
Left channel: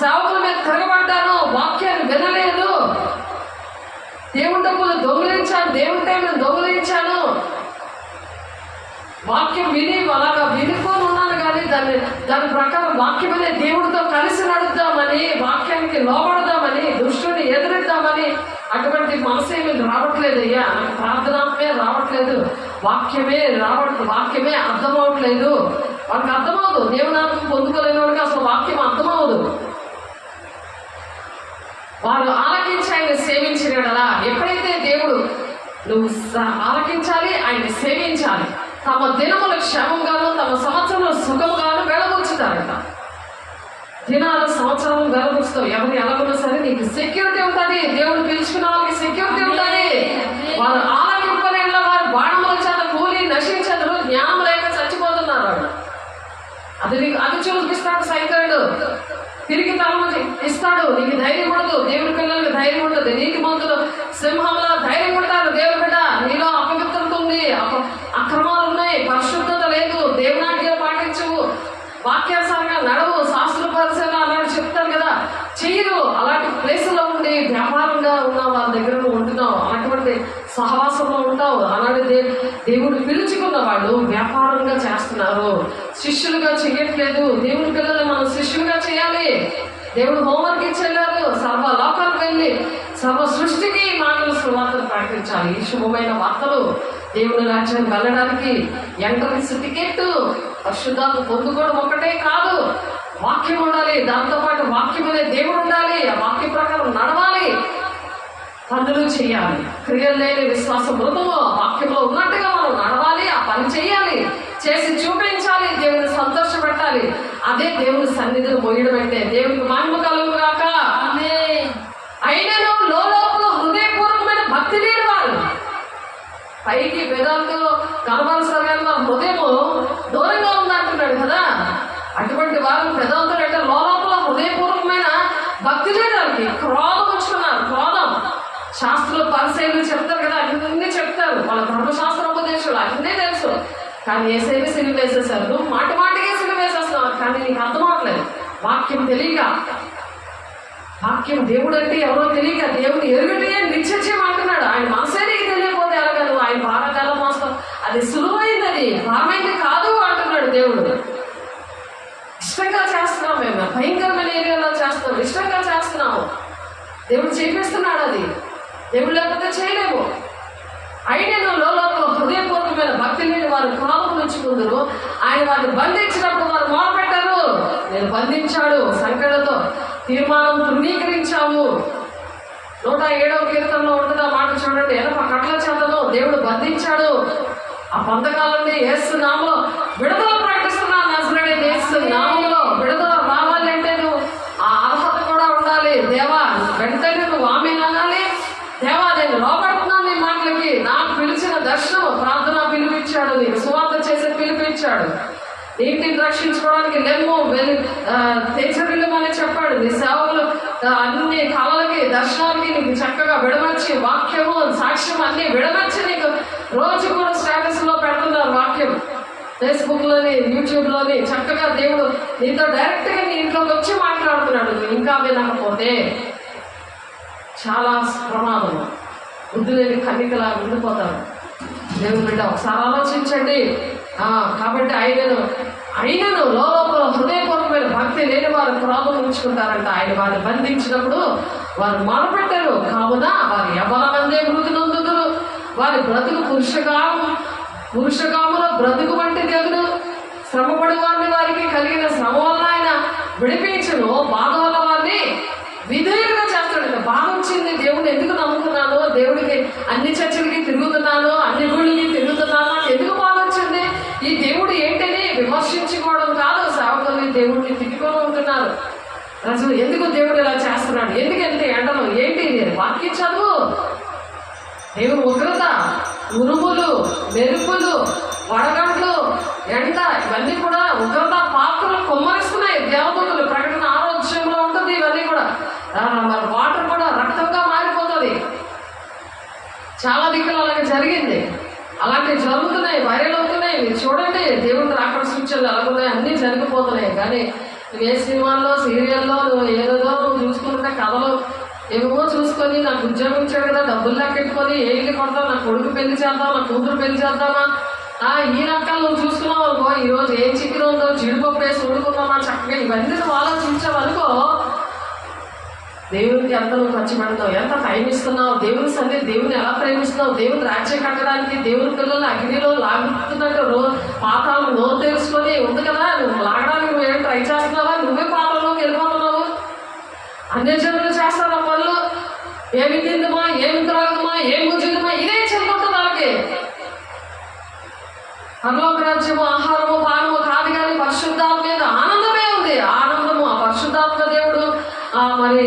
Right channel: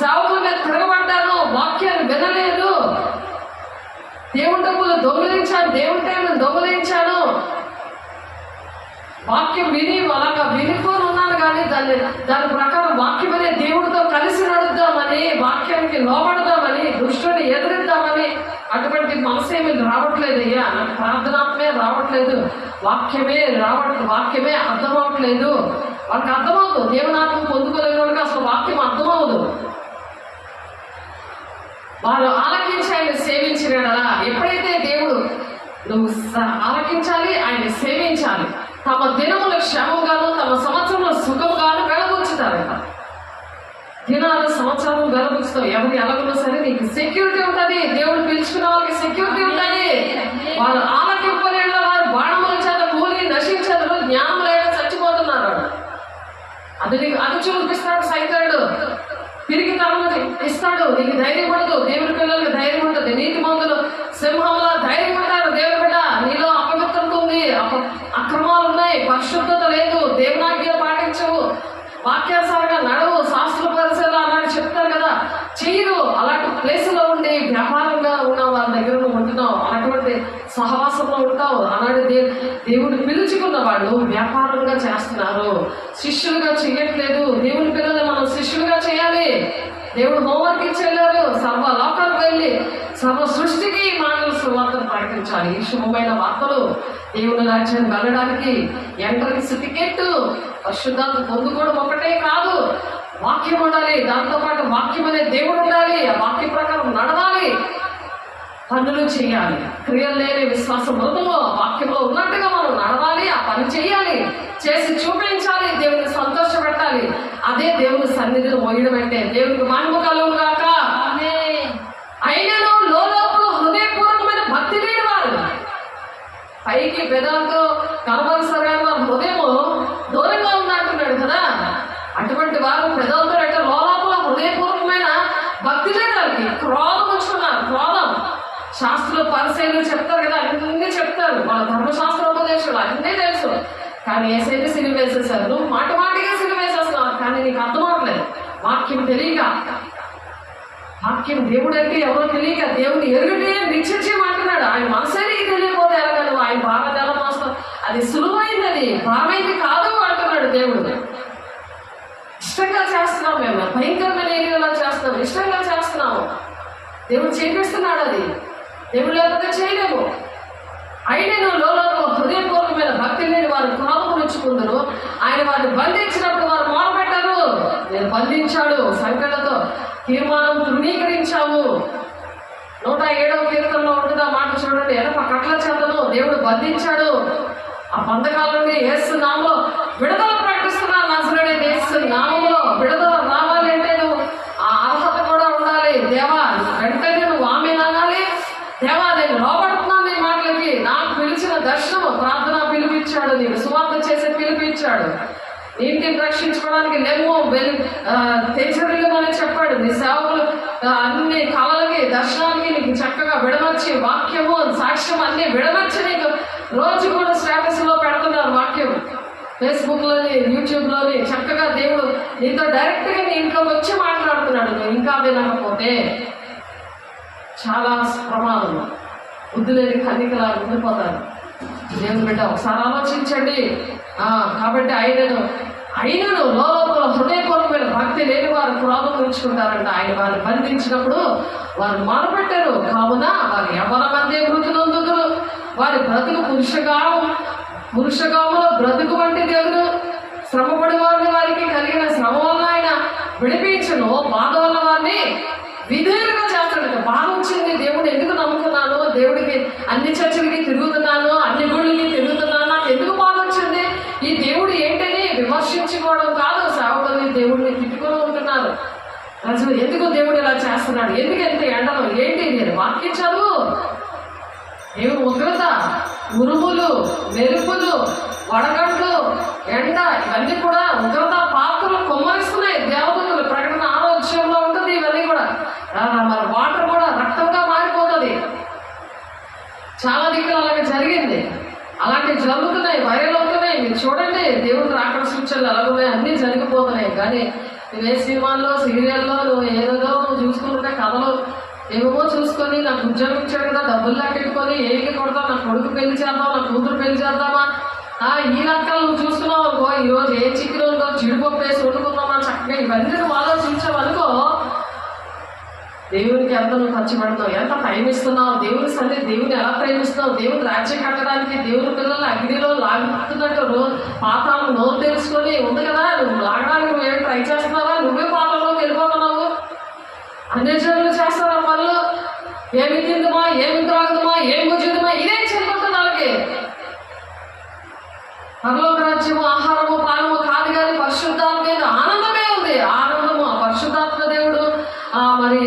సేవకుల మీద తిరగబడ్డాను, వాక్యాన్ని వినలేదు, దేవుని డబ్బులు దొంగిలించాను, దేవుని టైంను దొంగిలించాను, వాక్యం అలాగా వినుకొని ఉన్నాను. కానీ దాని ప్రకారం వాక్యం అనే దేవుడితో కలిసి నడుద్దామని, వాక్యానికి లోబడదామని, దుష్టుని ఎదురిద్దామని అటువంటి మనసేమీ రావట్లేదు. అయ్యా, నాకు ప్రార్థనాత్మే రావట్లేదు, వాక్యమే అర్థమవట్లేదు. వాళ్ళకి అర్థమవుదు. దేవునాత్మ పొందుకోలేని వాళ్ళకి అసలు వాక్యం అర్థమవుదు. వారు ఆలకించి ఆయన సేవించినలా. ఎప్పుడైతే దేవుడు నువ్వు ఆలకించాలి, ఆయన సేవించాలి, తమ దినముల క్షేమంగాను తమ సంవత్సరంలో సుఖముగాను వెలబుచ్చుతారట. దినాలు సంవత్సరాలు వెలబుచ్చుతావు. ఎవరు ఎలాగున్నా సరే నీకు సెక్యూరిటీ ఉంటుంది. దేవుడు పిలుచుకున్న వాళ్ళకి సెక్యూరిటీ ఉంటుంది. వారు ఆలకింపలేళ్ళ వారు బాణముల చేత కూలి నశించదు, జ్ఞానం లేక చచ్చిపోతున్నారు. అది చూపిస్తాడు సైతానుడు. తిరిగి తరము ఇస్తాడు. నీకు ధైర్యం ఉండదు. దేవుడి పిల్లలకి ధైర్యం ఉంటుంది. నీతి మంతులు సింహంలో ధైర్యం ఉంటారు. దేవుడి బిడ్డ, నీలో అపవిత్రత ఉంది, అక్రమాలు ఉన్నాయి, పరిశుద్ధత లేదు, దేవునాజ్ఞ పాటించవు, వాక్యానుసారంగా నడవు, శాస్త్ర పరిశీలన ఆల్రెడీ దేవుడు పిలుచుకున్న వాళ్ళు వ్యాపారంగా చేస్తున్నారు, శిష్యులుగా చేయట్లేదు. దేవుని పిల్లల్ని మనం శిష్యులుగా చేయాలి. దేవుడు హోంవర్క్ ఇచ్చేవారు, సర్వ లోకాలకు వెళ్ళి సర్వ సృష్టికి మాటలు సువార్తను ప్రకటించాలి. ఈ శుభమైన వార్తలు దేవుని రాజ్యాన్ని వెళ్ళడానికి ఎంట్రన్స్ టికెట్ పరిశుద్ధాత్మ పొందుకోవడం ఒకటే కాదు, వాక్యం ఉండాలి. దాంతోపాటు వాక్యం అనే దేవుడు ఉండాలి. ఆ వాక్య ప్రకారం నడవాలి, పనులు చేయాలి. క్రియలు లేని విశ్వాసం మృతము. వాక్యంలో ఉన్నట్టుగా మనం నడవాలి, ఆ పని చేయాలి, చేసి చూపించాలి, దేవుని సంతోషపెట్టాలి. అదే దేవుని సన్నిధిని మోయడం అంటే. దేవునికి మహిమ కలుగును గాక. అయినను లోపల హృదయపూర్వకమైన భక్తి లేని వారు, పైకి పెదాలతో కనబరసమైన వారు హృదయము దూరంగా ఉందంటున్నాడు కదా. అటువంటి వారు పెదాలతో అంటే లోపల హృదయపూర్వకమైన భక్తి లేని వారికి క్రోధం వచ్చుకున్నారు. క్రోధం శాస్త్రులు పరిశీలన చెప్తారు కదా, అన్నీ చెప్తారు. వాళ్ళ ధర్మశాస్త్ర ఉపదేశాలు అన్నీ తెలుసు. కానీ ఏసైనా సిలువ వేసేసారు. నువ్వు మాటిగా సిలువ వేసేస్తున్నావు, కానీ నీకు అర్థం అవట్లేదు. వాక్యం తెలియక, వాక్యం దేవుడు అంటే ఎవరో తెలియక, దేవుడు ఎరుగుటే నిశ్చయం అంటున్నాడు. ఆయన మనసే నీకు తెలియకపోతే ఎలాగ నువ్వు ఆయన భారత ఎలా మోస్తావు? అది సులువైంది, అది భారమైంది కాదు అంటున్నాడు దేవుడు. ఇష్టంగా చేస్తున్నాం, మేము భయంకరమైన ఏరియాలో చేస్తున్నాం, ఇష్టంగా చేస్తున్నాము. దేవుడు చేపిస్తున్నాడు. అది దేవుడు లేకపోతే చేయలేము. అయినను లోపల హృదయపూర్వకమైన భక్తి లేని వారు కాపు ఉంచుకుందరు. ఆయన వారిని బంధించినప్పుడు వారు మొరపెట్టారు. నేను బంధించాడు, సంకటతో తీర్మానం తృణీకరించాము. 107వ కీర్తనలో ఉంటుంది ఆ మాట చూడండి. ఎనప కట్ల చేతను దేవుడు బంధించాడు. ఆ బంధకాలని యేసు నామములో విడుదల ప్రకటిస్తున్నాను. నజరేయుడైన యేసు నామములో విడుదల రావాలి అంటే నువ్వు ఆ అర్హత కూడా ఉండాలి. దేవా వెంటనే నువ్వు ఆమేన్ అనాలి. దేవా నేను లోబడుతున్నాను నీ మాటలకి. నాకు పిలిచిన దర్శనం ప్రార్థన పిలిపించాడు, నీకు సువార్త చేసే పిలిపించాడు. నీ ఇంటిని రక్షించుకోవడానికి లెమ్ము వెళ్ళి తెచ్చరిల్లు అని చెప్పాడు. నీ సేవకులు అన్ని కళలకి దర్శనాలకి నీకు చక్కగా విడమర్చి వాక్యము సాక్ష్యం అన్ని విడమర్చి నీకు రోజు కూడా స్టేటస్లో పెడుతున్నారు. వాక్యం ఫేస్బుక్లోని యూట్యూబ్లోని చక్కగా దేవుడు నీతో డైరెక్ట్గా నీ ఇంట్లోకి వచ్చి మాట్లాడుతున్నాడు. నువ్వు ఇంకా వినకపోతే చాలా ప్రమాదం, బుద్ధి లేని కన్నికలా ఉండిపోతారు. దేవుని బిడ్డ ఒకసారి ఆలోచించండి. కాబట్టి అయినను లోపల హృదయపూర్వకమైన భక్తి లేని వారు క్రోధం ఉంచుకుంటారంట. ఆయన వారిని బంధించినప్పుడు వారు మొరపెట్టారు. కావున వారు యవ్వనమందే మృతి నొందుదురు. వారి బ్రతుకు పురుషగాములో బ్రతుకు వంటి దేవుడు శ్రమపడి వారిని వారికి కలిగిన శ్రమ వల్ల ఆయన విడిపించను. బాధ వల్ల వారిని విధేయులుగా చేస్తాడు. బాధ వచ్చింది, దేవుడు ఎందుకు నమ్ముకున్నాను, దేవుడికి అన్ని చర్చలకి తిరుగుతున్నాను, అన్ని గుళ్ళకి తిరుగుతున్నాను, నాకు ఎందుకు బాధ వచ్చింది, ఈ దేవుడు ఏంటని విమర్శించుకోవడం కాదు. సేవకుల్ని దేవుడిని తిట్టుకొని ఉంటున్నారు. అసలు ఎందుకు దేవుడు ఇలా చేస్తున్నాడు, ఎందుకు ఎంత ఎండలు ఏంటి, నేను వాక్యం చదువు. దేవుడు ఉగ్రత, ఉరుములు, మెరుపులు, వడగడ్లు, ఎండ ఇవన్నీ కూడా ఉగ్రత పాత్రలు కొమ్మరిస్తున్నాయి. దేవదూతలు ప్రకటన 6వ అధ్యాయంలో ఉంటుంది. ఇవన్నీ కూడా మరి వాటర్ కూడా రక్తంగా మారిపోతుంది. చాలా దిక్కులు అలాగే జరిగింది. అలాంటివి జరుగుతున్నాయి, వైరల్ అవుతున్నాయి. మీరు చూడండి, దేవుడు రాకడ సూచనలు అలాగున్నాయి, అన్నీ జరిగిపోతున్నాయి. కానీ నువ్వు ఏ సినిమాల్లో సీరియల్లో నువ్వు ఏదేదో నువ్వు చూసుకుంటే కథలు ఏమో చూసుకొని నాకు ఉద్యోగం ఇచ్చాడు కదా, డబ్బులు లాక్కెట్టుకొని ఏళ్ళకి కొడతావు, నా కొడుకు పెళ్లి చేద్దాం, నా కూతురు పెళ్లి చేద్దామా, ఈ రకాలు నువ్వు చూసుకున్నావు అనుకో, ఈరోజు ఏ చికెన్ ఉందో జీడిపప్పు వేసి వండుకుందామా చక్కగా ఇవన్నీ నువ్వు ఆలోచించావు అనుకో, దేవునికి ఎంత నువ్వు ఖర్చు పెడతావు, ఎంత టైం ఇస్తున్నావు, దేవుని సన్నిధి దేవుని ఎలా ప్రేమిస్తున్నావు, దేవుని రాజ్యం కట్టడానికి దేవుని పిల్లల్ని అగ్నిలో లాగుతున్నట్టు పాతాలను నోరు తెలుసుకొని ఉంది కదా, నువ్వు లాగడానికి నువ్వేం ట్రై చేస్తున్నావా, నువ్వే పాత్రలోకి వెళ్ళిపోతున్నావు. అన్ని జనులు చేస్తున్న పనులు ఏమి తిందుమా, ఏమి త్రాగుమా, ఏమి భుజిద్దుమా, ఇదే చెల్లుతుంది వాళ్ళకి. పరలోక రాజ్యము ఆహారము పానము కాదు, కానీ పరిశుద్ధాత్మ మీద ఆనందమే ఉంది. ఆనందము ఆ పరిశుద్ధాత్మ దేవుడు మరి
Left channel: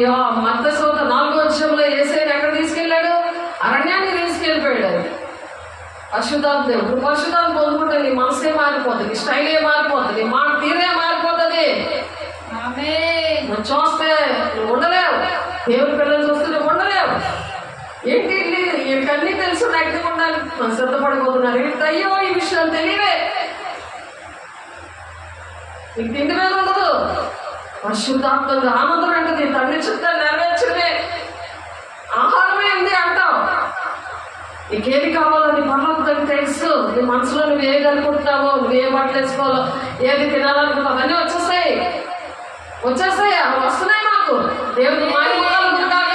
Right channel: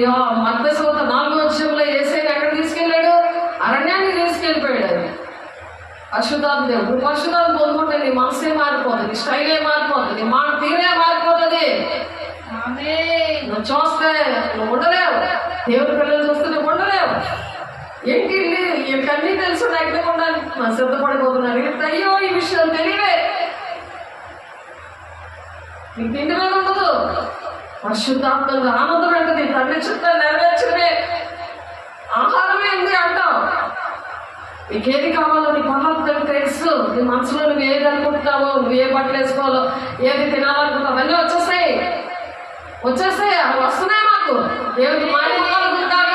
మత్తయి 4వ అధ్యాయంలో యేసయ్యను ఎక్కడ తీసుకెళ్ళాడు, అరణ్యాన్ని తీసుకెళ్ళిపోయాడు. పరిశుద్ధాత్మ దేవుడు పరిశుద్ధాత్మ పొందుకుంటే నీ మనసే మారిపోతుంది, నీ స్టైలే మారిపోతుంది, నీ మాట తీరే మారిపోతుంది. నువ్వు చూస్తే నువ్వు ఉండలేవు, దేవుడి పిల్లలు చూస్తే నువ్వు ఉండలేవు. ఏంటి వీళ్ళకన్నీ తెలుసు, అగ్ని ఉండడానికి మనం సిద్ధపడిపోతున్నారు. వీళ్ళకి అయ్యో ఈ విషయం తెలియవే, నీకు తిండి మీద ఉండదు. పరిశుద్ధాత్మగా ఆనందం ఏంటది, తండ్రి చుట్టూ నెరవేర్చే ఆహారమే ఉంది అంటావు. నీకేది కావాలో నీ పనులకు నీ మనసులో నువ్వు ఏది అనుకుంటున్నావో, నువ్వు ఏ బట్టలు వేసుకోవాలో, ఏది తినాలనుకుంటావు అవన్నీ వచ్చేస్తాయి. అవి వస్తున్నాయి మాకు. దేవుడికి మాయముఖాలు కాక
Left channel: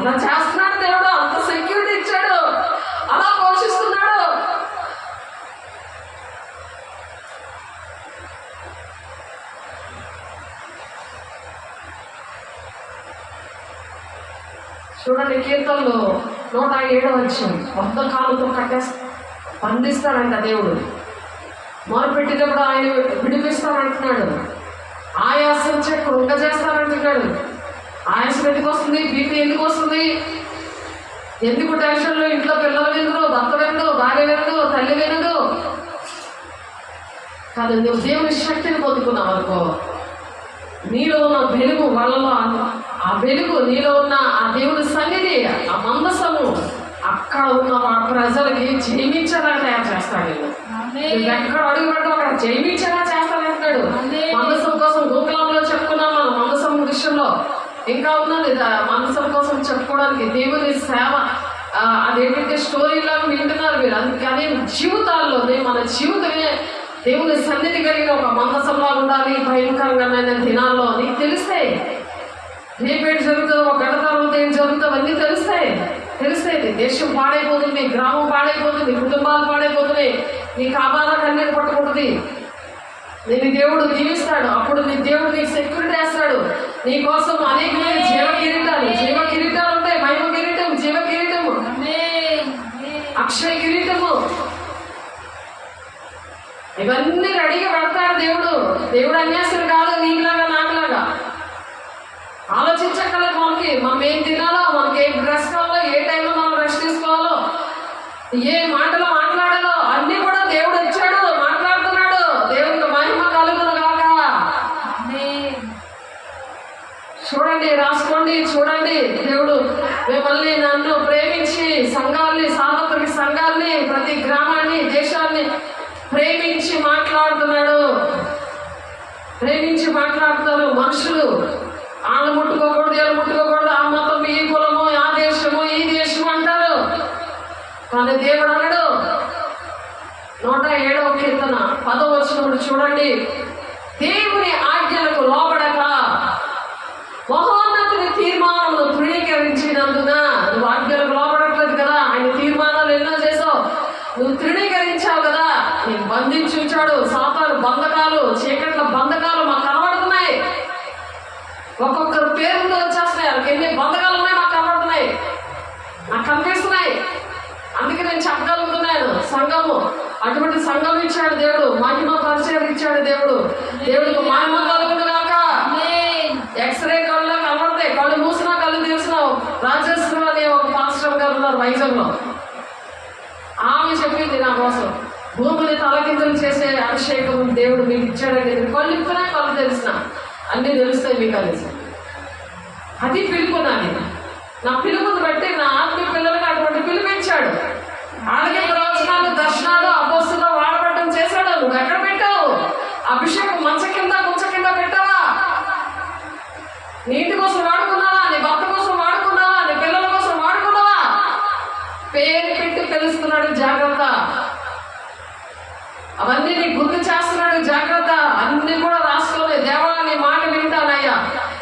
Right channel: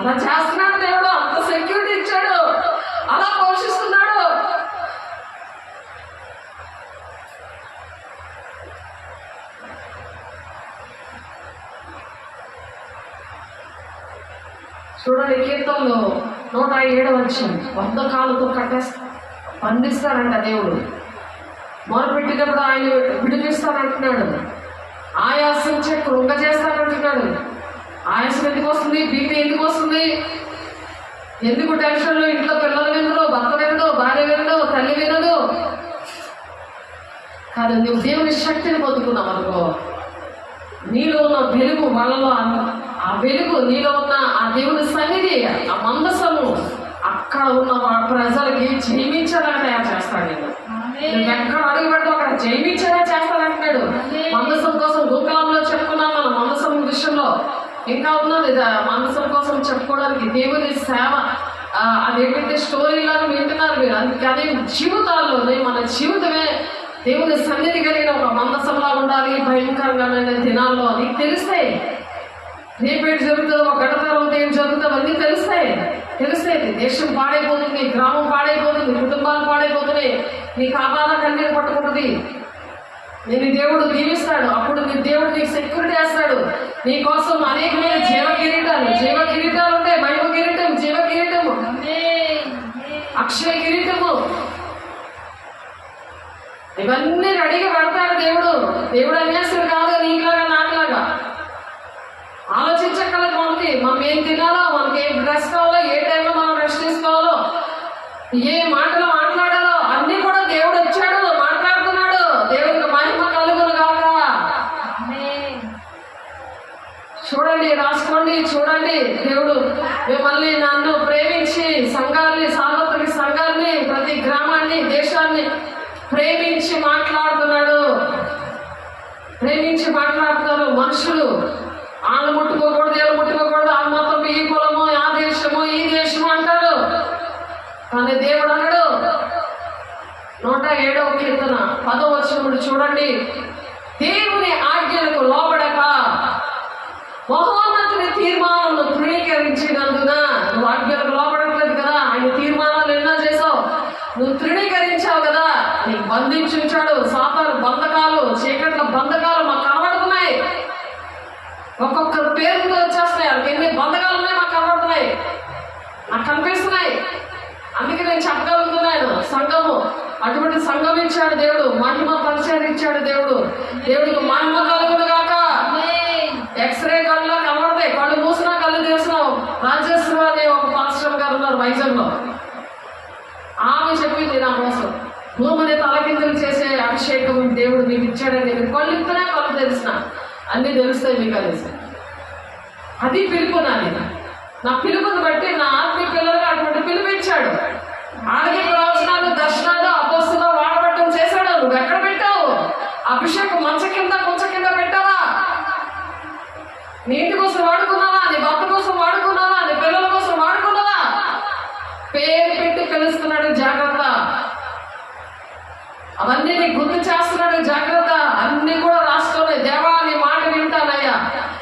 అలా చేస్తున్నాడు దేవుడు. అంత సెక్యూరిటీ ఇచ్చాడు, అలా పోషిస్తున్నాడు. చూడండి, కీర్తనలో 107వ వచనం, 100 కాళ్ళతో బంధిస్తాడంట దేవుడు. మొరపెట్టినప్పుడు ఆయన విడిపిస్తానంటున్నాడు. ఆయాసం కృంగజేస్తానంటున్నాడు. ఆయాసం ఎందుకు వస్తుంది? బీపీ ఎందుకు వస్తుంది? ఎందుకు టెన్షన్లు? ఇంట్లో పిల్లలు వినరు, భర్త వినడు, భార్య వినడు, తల్లి వినడు. కాదు, నువ్వు దేవుని శక్తిని పొందుకున్నావు అనుకో, నీలో ఉన్న వెలుగు వాళ్ళలో, ఆ వెలుగు నీలో ఉన్న ఆ దేవుని సన్నిధి, ఆ మందసము అక్కడ ఉన్న ప్రజలకి జయించేలా తయారు చేస్తాడు. నేను ఎక్కడ అడుగు పెట్టావు అక్కడ జయించేలా చేస్తానంటున్నాడు. మందసం కోసం గోకులంలో చెప్పుకున్నాం మనం. మందసం విషయంలో ఇంకా ఉన్నది మందసం కోసం చెప్పుకోవడానికి. దేవుని సేవ అదేంటంటే స్టోరీలను వింటున్నారు మీరు. అందుకని జీవితాల్లో మన జీవితమే దేవుని సన్నిధి కలిగిన ఒక మందసంలా ఉండాలి. భయంకరంగా దినాల్లో నీకు తెలుస్తాయి. రేపేంటి జరుగుతుందో, ఒక గంట తర్వాత ఏం జరుగుతుందో అన్నీ తెలుస్తాయి. దేశం పాడైపోతుంది, గ్రామం పాడైపోతుంది, కుటుంబాలు పాడైపోతున్నాయి. నీకు అబాధ కన్నీరు పట్టుకుంటుంది. నేను దేవుడు దీవిస్తాడు. అప్పుడు నీ దేవుడు నీకు సెక్యూరిటీ వేస్తాడు. నీ కోసం అనేకమైన జీవ కిరీటాలు ఉంటాయి. మహిమ కిరీటం, జీవ కిరీటము, అక్షయ కిరీటము, ఇవన్నీ రెడీగా పెడతాడు దేవుడు. దేవుడు అన్యాసుడు కాదు, నీకులాగా నాకులాగా. ఆలోచించక్కర్లేదు మనకి. మనం ఏం తినాలో, మనకి ఏ డ్రెస్ కావాలో, ఏ టైంలో మనం రెస్ట్ తీసుకోవాలో, ఏ మాటలు మాట్లాడాలో అన్నీ కూడా దేవుడు వచ్చాడు, మాట్లాడుతున్నాడు. దేవుడికి మహిమ కలుగును గాక. చూడండి, రాసుకోండి, చూడండి. దేవుడు మిమ్మల్ని నన్ను ప్రేమించి సంఘాన్ని, సార్వత్రిక సంఘాన్ని, ప్రతి గ్రామాన్ని, దేశాన్ని ప్రేమించి మాట్లాడుతున్నాడు. మనుషులు వాళ్ళు ముట్టుకోకూడదు, వీళ్ళు ముట్టుకోకూడదు, ఆ మతం, ఈ కులము, ఆ దేశము, ఈ దేశము అంటారు. కానీ దేవుడు అన్నాడు 107వ కీర్తన 10వ వచనం చూడండి. దేవుని ఆజ్ఞలకు లోబడక మహోన్నతుని తీర్మానమును తృణీకరించినందున, నువ్వు ఆజ్ఞలకు లోబడట్లేదు కదా, ఆయన తీర్మానాలు ఎన్నో చేసావు, నువ్వు తృణీకరించావు కదా, నీకు బంధించి ఉంచాడు. సాతాను బంధకాలు, చీకట్ల బంధకాలు మాకు కనబడుతున్నాయి. ఒక్కొక్కరు పేరుతో వచ్చేస్తున్నాయి. వాళ్ళకి ఎన్ని బంధకాలు ఉన్నాయి మాకు కనబడుతున్నాయి, నాకు కనిపిస్తున్నాయి. అందుకే నేను చెప్పగలుగుతున్నాను. సంఘము, అటువంటి సంఘం ఇచ్చాడు దేవుడు. మహిమ పరిచయం ఇచ్చాడు దేవుడు. దేవుడికి మహిమ కలుగుడు కాక. ఎక్స్రే కళ్ళలో కనబడతాయి, కళ్ళు మూసినా కళ్ళు తెరిచినావు. రాజేశ్వరి అనే ఒక పాస్టర్ గారు ఉన్నారు వైజాగ్లో. ఆమె చెప్పింది నా కోసం, భూమిని తలకిందులు చేసే అభిషేకం దేవుడు మీకు ఇచ్చాడని. కళ్ళు ఇప్పునా కళ్ళు తెలిసిన అన్నీ తెలుస్తాయి మీకు అనేసి. అది పిలుపు నాది. నా పిలుపుని బట్టి నా ఆత్మీయ పిల్లలకు అటువంటి పిలుపు ఇచ్చాడు. ఆడికి ప్రవచనాలు, దర్శనాలు, అపోస్తులు వాడబట్టం చేశాడు. నువ్వు ఎక్కడ పెట్టావు? అభిషేకం మంచ కింద పెట్టావా? నీ ఇంటి కోసం వాడుకున్నావా? నీ భర్త కోసం వాడుకున్నావా? నీ పిల్లల కోసం వాడుకున్నావా? పేరు పెట్టి పిలుస్తున్నాడు, జాగ్రత్త. అవన్నీ నీకు గుర్తు చేస్తున్నాడు, జాగ్రత్త. అన్ని కూడా రాసుకోలే. దేవా నీ మాట వింటానయ్యా,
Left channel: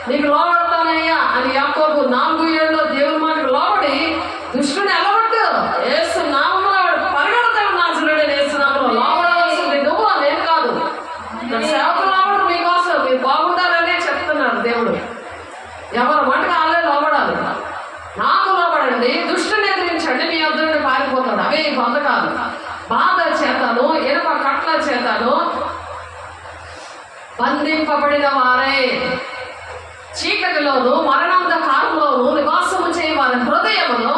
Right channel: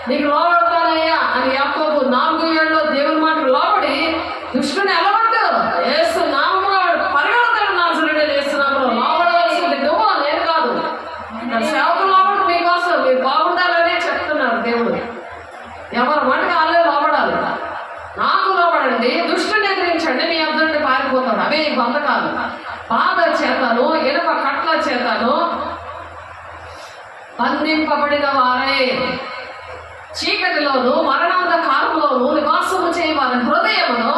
నీకు లోబడతానయ్యా అని యాకోబు 4:7 దేవుని మాటకు లోబడి దుష్టుని అలవట్టు. యేసు నామములో పరిగెడతాడు. నాజరేయుడైన యేసు నామములో లోబడవలసింది నువ్వు, నేను కాదు. సేవకులు లోబడు, మీకోసం మీరు బాగుండాలనే చెప్తున్నారు దేవుడు. ఎవరు మటుకు వాళ్ళే లోబడాలి. నాకు లోబడండి, దుష్టుని ఎదిరించండి, మీ వద్ద నుండి పారిపోతాడు. అవే ఈ బంధకాలు. బాధ చేతను, ఇనుప కట్ల చేతను బంధింపబడిన వారే, చీకటిలోను మరణాంధకారంలోను నివాసము చేయి వారి హృదయమును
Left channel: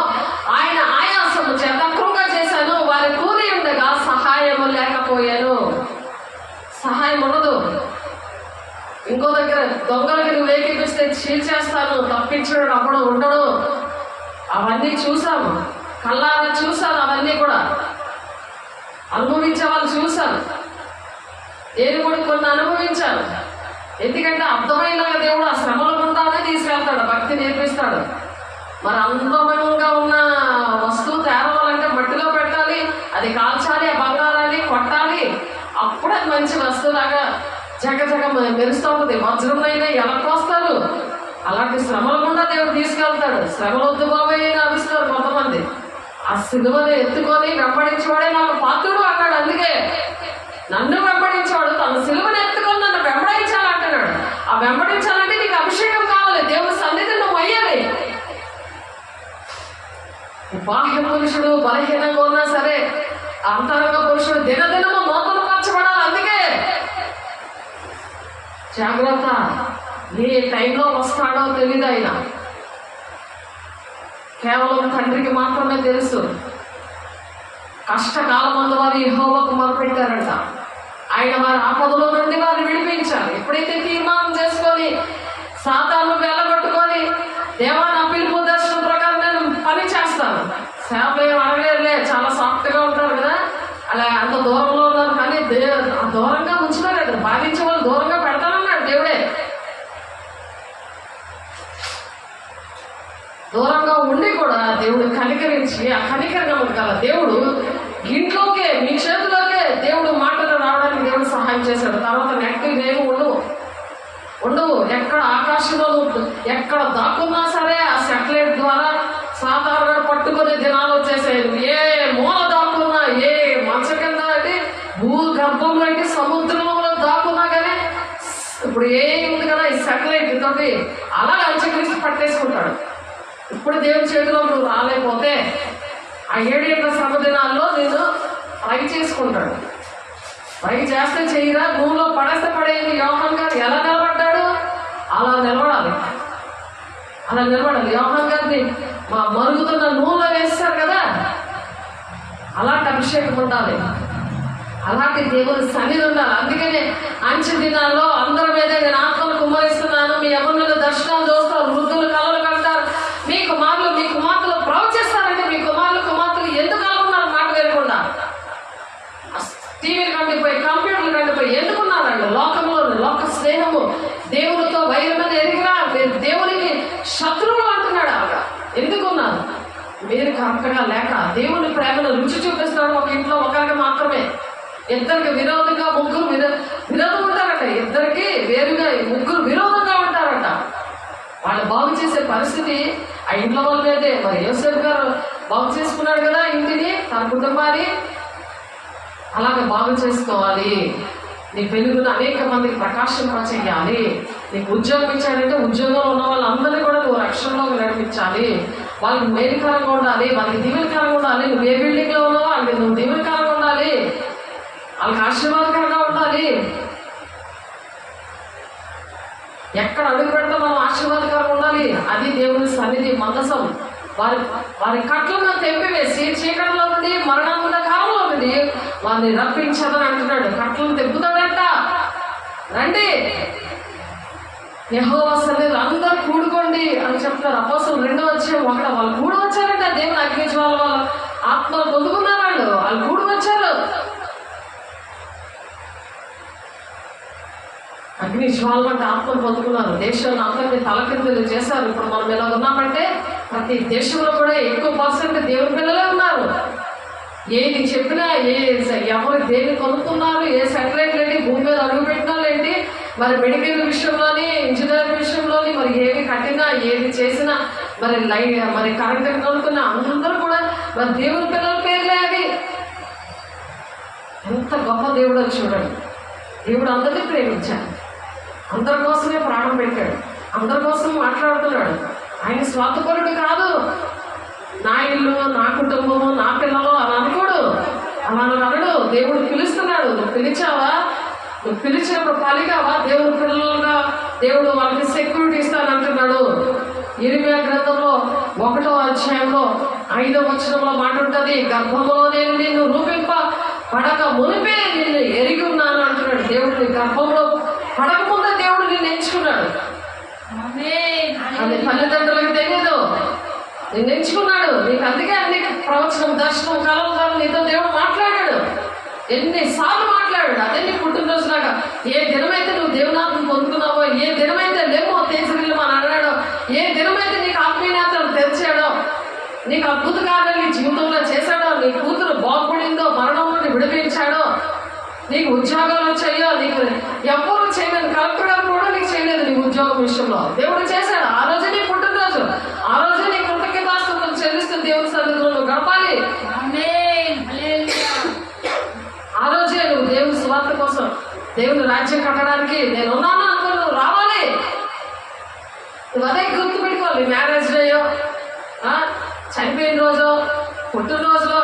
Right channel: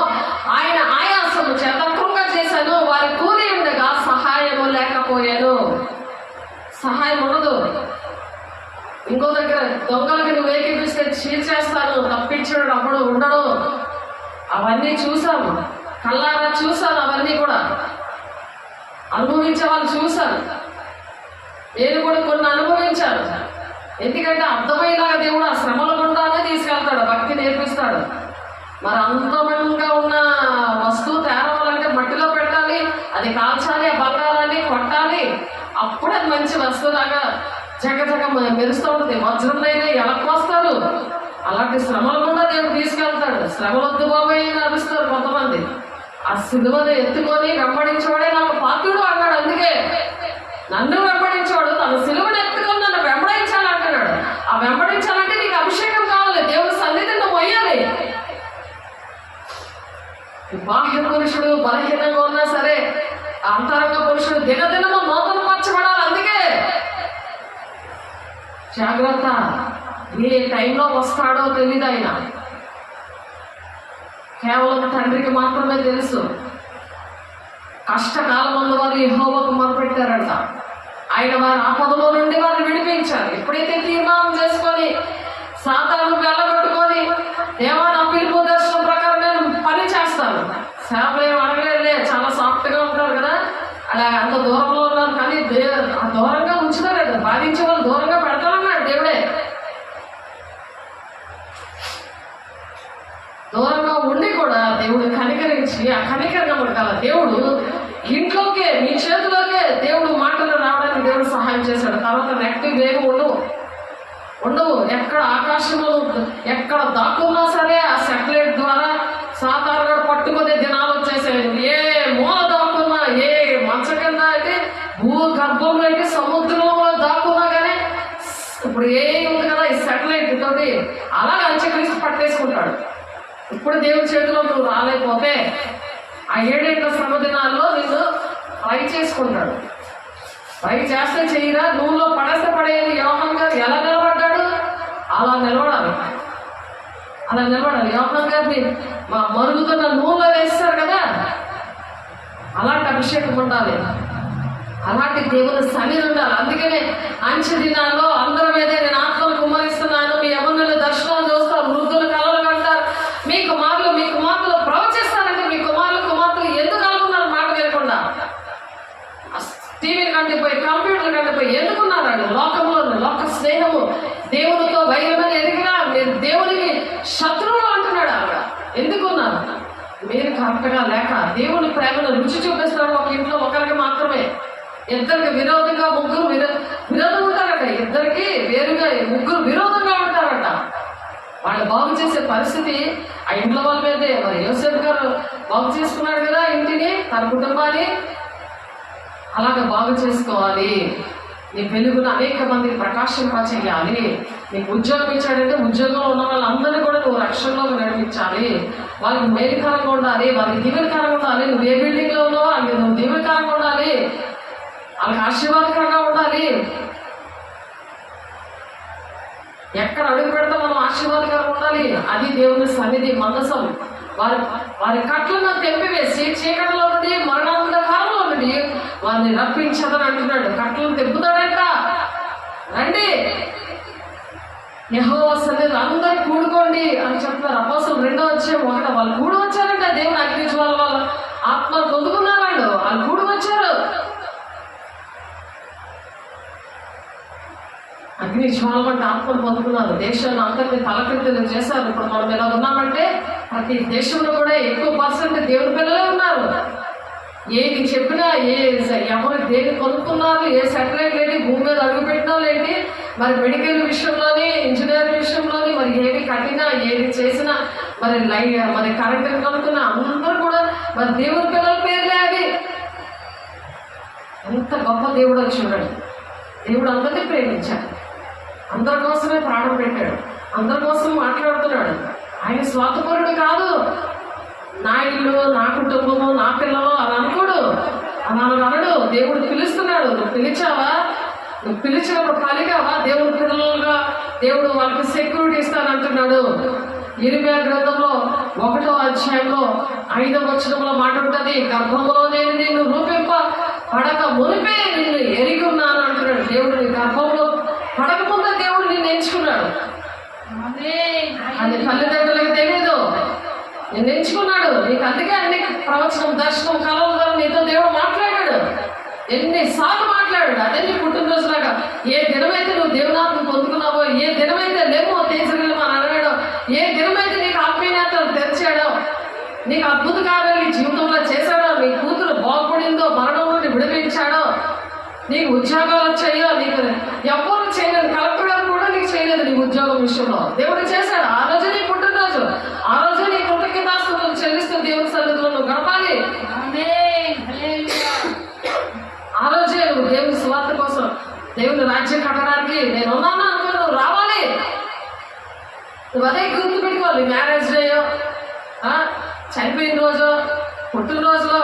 ఆయన ఆయాసము చేత కృంగ చేశాను. వారి కూలి ఉండగా సహాయము లేకపోయాను. సహాయం ఉండదు. ఇంకో దగ్గర దొంగలకి నువ్వు వేగిపిస్తే చీల్చేస్తాను, తప్పించడం అప్పుడు ఉండడు. అవన్నీ చూసాము, కళ్ళారా చూశాను. అవన్నీ కూడా అనుభవించే వాళ్ళు చూశాను. నేను కూడా కొన్ని అనుభవించాను. ఎందుకంటే అర్థమయ్యేలాగా దేవుడు ఆ శ్రమల గుండానే తీసుకెళ్తాడు, భక్తి నేర్పిస్తాడు. మరి అందమంగా ఉన్న వస్తువు తేరవాలంటే మట్టిలో పెట్టాలి, అది కాల్చాలి, ఆ బంగారాన్ని కొట్టాలి, అప్పుడే అది మంచి వస్తువులాగా జగ మెరుస్తూ ఉంటుంది. వజ్రంనైనా ఎలా కోస్తారు? అలాంటి శ్రమల గుండా దేవుడు తీసుకెళ్తాడు. శ్రమలు వద్దు బాబాయ్ అని అరుస్తారు కొంతమంది. ఆ సిలువను ఎత్తుకొని వెంబడించేవాడే నాకు పాత్రుడు అన్నాడు. అందుకే నన్ను వెంబడించేవాడు తన సిలువను ఎత్తుకొని నన్ను వెంబడించాలి అంటున్నాడు. ఆ వెంబడించాలంటే నీకు అభిషేకం కావాలి, దేవుడి సన్నిధిని నువ్వు అయ్యాలి. బాహ్య పురుషుడు బలహీనంగా ఉన్నా సరే అంతరంగ పురుషుడు దినదినము నూతన పరచబడాలి. అందుకే జాగ్రత్త, ఏ టైంలో వస్తాడో తెలియదు. ఆయన కేవలం తండ్రికి మాత్రమే తెలుసు. కష్టకాలం అందు వారు యెహోవాకు మొరపెట్టారంట. ఆయన వారి ఆపదలో నుండి వారిని విడిపించారు. ఎప్పుడైతే తీర్మానం చేసుకొని సాతాను వెళ్ళగొట్టుకొని దేవా నా పిలుపు దర్శనం ప్రకారం నేను పని చేస్తాను, సేపలు ఏమి అడగలే, చాలా సాఫ్ట్గా ఉంటారు కదా, అలా అంత దూరంలో ఉన్నారు కానీ దూరంగా ఉంచుతారట. బాధించే వాళ్ళు దూరంగా పెడతారన్నాడు దేవుడే. దూరంగా ఉండి కూడా దేవుడు కనికరించి, ఆ కనికరంగా గల దేవుడు ఇంట్లోకే మీ చేతిలోకే దేవుడు మాటలు రావడానికి దేవుడు సహాయం చేశాడు. తర్వాత నెగిటివ్ ఏమి ఉండవు. ఎక్కడ ఆకాశంలో ఎక్కడ దాక్కున్నా సరే ఆ సెటిలైట్ ద్వారా సాధారణ పట్టుకునే దినాలు వచ్చేసాయి. ఏ మూల దాక్కున్నా, ఏ మంచ కింద అయితే, భూగర్భంలో అయితే, సముద్రంలో దాక్కున్నా కానీ ఇప్పుడు ఏ ఉంది కదా ఈ సెటిలైట్ తోటి అలా అంచకలిసి పట్టేసుకుంటాడు. ఇప్పుడు దేవుని చేతిలో నువ్వు రాలేకపోతే ఆ 7 ఏళ్ల శ్రమ దినాల్లో నిన్ను ఫ్రై చేసుకుంటాడు. ఫ్రై చేస్తే చేయరా, నూనెలో పడేస్తే పడేది. యోహాన్ గారు ఎలా నిలబడ్డాడు? అలా నిలబడాలి. యోహాన్ గారిని మా మరుగుతున్న నూనెలో వేస్తారు కదా, అలాంటి అభిషేకం ఉండాలి, అలాంటి దేవుని సన్నిధి ఉండాలి. అందుకనే అంచె దినాల్లో అందరి మీదే నేను ఆత్మను కుమ్మరిస్తున్నాను, మీ యవ్వనుల దర్శనాలు చూస్తారు, వృద్ధులు కలలు కంటారు, మీ కుమార్తెలు ప్రవచిస్తారంటే మీ కుమార్తెలు ఎందుకు అనుకున్నారు? మాట వినకుండా టీవీలు కంటిపోయి, కంప్యూటర్లు కంటిపోయి ఎందుకున్నారు? వాళ్ళు లోకంలో లోక స్నేహము, దేవునితో వైరమని ఎరిగినా దేవునికి శత్రువులు అంటున్నాడు. అలాగా ఎందుకున్నారు? మీరు కరెక్ట్గా లేక దేవుని ప్రేమను రుచి చూపిస్తున్నాడు. ఒక ఇంట్లో ఒకరికి మాత్రమే, ఇద్దరికి విరోధంగా ముగ్గురు విరోధం ఉంటారట. ఇద్దరికి వేరుగా ముగ్గురు విరోధంగా ఉంటారట. వాళ్ళు బాగు చేసే పరిస్థితి ఆ ఇంట్లో వాళ్ళ మీదే. మరి యోసేపు గారు బాగు చేసుకున్నాడు కదా ఇంటిని, తన కుటుంబాన్ని. అలాగే బాగు చేసుకోవాలి. నీ వెలుగును అనేక మందికి ప్రకాశింపచేయాలి. నీకు ఉద్యోగం ఇచ్చాడంటే ఉద్యోగంలో ఉన్న వాళ్ళందరినీ కూడా నువ్వు రక్షణలోకి నడిపించాలి. వాళ్ళకి మేలుకరంగా ఉండాలి, వాళ్ళకి దీవెనకరంగా ఉండాలి. నువ్వు ఏ బిల్డింగ్లో ఉన్నావో వాళ్ళకి నువ్వు దీవెనకరంగా ఉండాలి, వాళ్ళకి ఆశీర్వాదకరంగా ఉండాలి. ఎక్కడ అడుగు పెడితే మనం ఆశీర్వాదకరంగా ఉండాలి. అది దేవుని సన్నిధి మందసం. వారి కట్లను తెంపివేసి చీకటిలో నుండి మరణాంత కాలంలో నుండి వారిని రప్పించదని అంటున్నాడు. కట్లను తెప్పుతాడంట. రండి యెహోవా సన్నిధిలో అందరూ కూడుకోండి అని చెప్తున్నారు. అపోస్తలులు 2వ అధ్యాయం 1 వాళ్ళు కూడి వచ్చారంట. దేవుని అగ్నిజ్వాల వాళ్ళ ఆత్మలు పొందుకున్నారు. వాళ్ళు కూడి వచ్చారు. అగ్ని జ్వాల అంటే ఆత్మను పొందుకున్నారు. దేశాన్ని అందరినీ తలకిందులు చేశారు. ఇప్పుడు మనం ఇలా ఉన్నామంటే ప్రతి దేశంలో కూడా ఎక్కువ % దేవుని పిల్లలే ఉన్నారు. ఏది చెప్పినా, ఎవరు దేన్ని కొనుక్కున్నారు, ఏ సెటిలైట్లు ఏంటి, భూమి మీద అడుగు పెట్టినా ఏంటి, మరి మెడికల్ విషయంలోని, ఇంజనీరింగ్ విషయంలోని, మరి ఏది కట్టినా, ఏది చేసినా, మరి కరెంట్ కొనుక్కున్నా అందరూ కూడా మరి దేవుని పిల్లల పేర్లే అవి. ఎంత గొప్ప దేవుడు చూడండి. దేవుడు అందరినీ ప్రేమించాడు, అందరి కోసమే ప్రాణం పెట్టాడు, అందరి కోసం మాట్లాడుతున్నాడు. ఆయన స్వార్థపరుడు కాదు. నా ఇల్లు, నా కుటుంబము, నా పిల్లలు అలా అనుకోడు, అలా అనడు. దేవుడు పిలుస్తున్నాడు. నువ్వు పిలిచావా? నువ్వు పిలిచినప్పుడు కలిగావా? దేవుడు పిల్లలుగా దేవుడు వాళ్ళకి సెక్యూరిటీ ఇస్తానంటున్నాడు. ఇర్మియా గ్రంథంలో 1వ అధ్యాయంలో 5వ వచనంలో మాట ఉంటుంది. గర్భంలో నేను నిన్ను పడక మునిపే నిన్ను ఎరిగి ఉన్నాను అంటున్నాడు. దేవుడిని గర్భంలో పడకముందే దేవుడు నిన్ను ఎంచుకున్నాడు. అది తల్లిదండ్రులకు తెలియదు. నిన్ను ఎంచుకున్నాడు. నీకు అందుకే అన్ని ప్రవచనం, దర్శనం, కలల ద్వారా నీతో దేవుడు మాట్లాడాడు. ఎన్నిసార్లు మాట్లాడాడు. అదే నీ పుట్టినరోజులాగా ఏ దినమైతే నువ్వు దేవునాథను పొందుకున్నావో, ఏ దినమైతే లేమో తేజగిరిలో అని అన్నాడో, ఏ దినమైతే నీకు ఆత్మీయతను తెరిచాడో, నీకు అద్భుత కార్యాలు నీ జీవితంలో చేశాడో, నీ కూతురు బాగుపడిందో, మరణం నుండి విడిపించాడో, నీకు ఉద్యోగాలు వచ్చాయో, నీకు ఎవరు చేయలేదు, కలెక్టర్ గారు కూడా నీకు చేయలేదు నీ ఉద్యోగం విషయంలో. దేవుడు చేశాడు. ఆ రోజే నీ పుట్టినరోజు, ఆ రోజే నీ కృతజ్ఞతాస్తుతులు చెల్లిస్తూ దేవుని సన్నిధిలో నువ్వు గడపాలి. ఆ రోజే నువ్వు దేవుని సువార్త కోసం, దేవుని రాజ్యం కట్టడానికి నేను ఉన్నాను అనుకో, నువ్వు రావాలి. నువ్వు అదే గుర్తు పెట్టుకోవాలి. మ్యారేజ్ డేయో, చనిపోయిన రోజు, పుట్టినరోజులో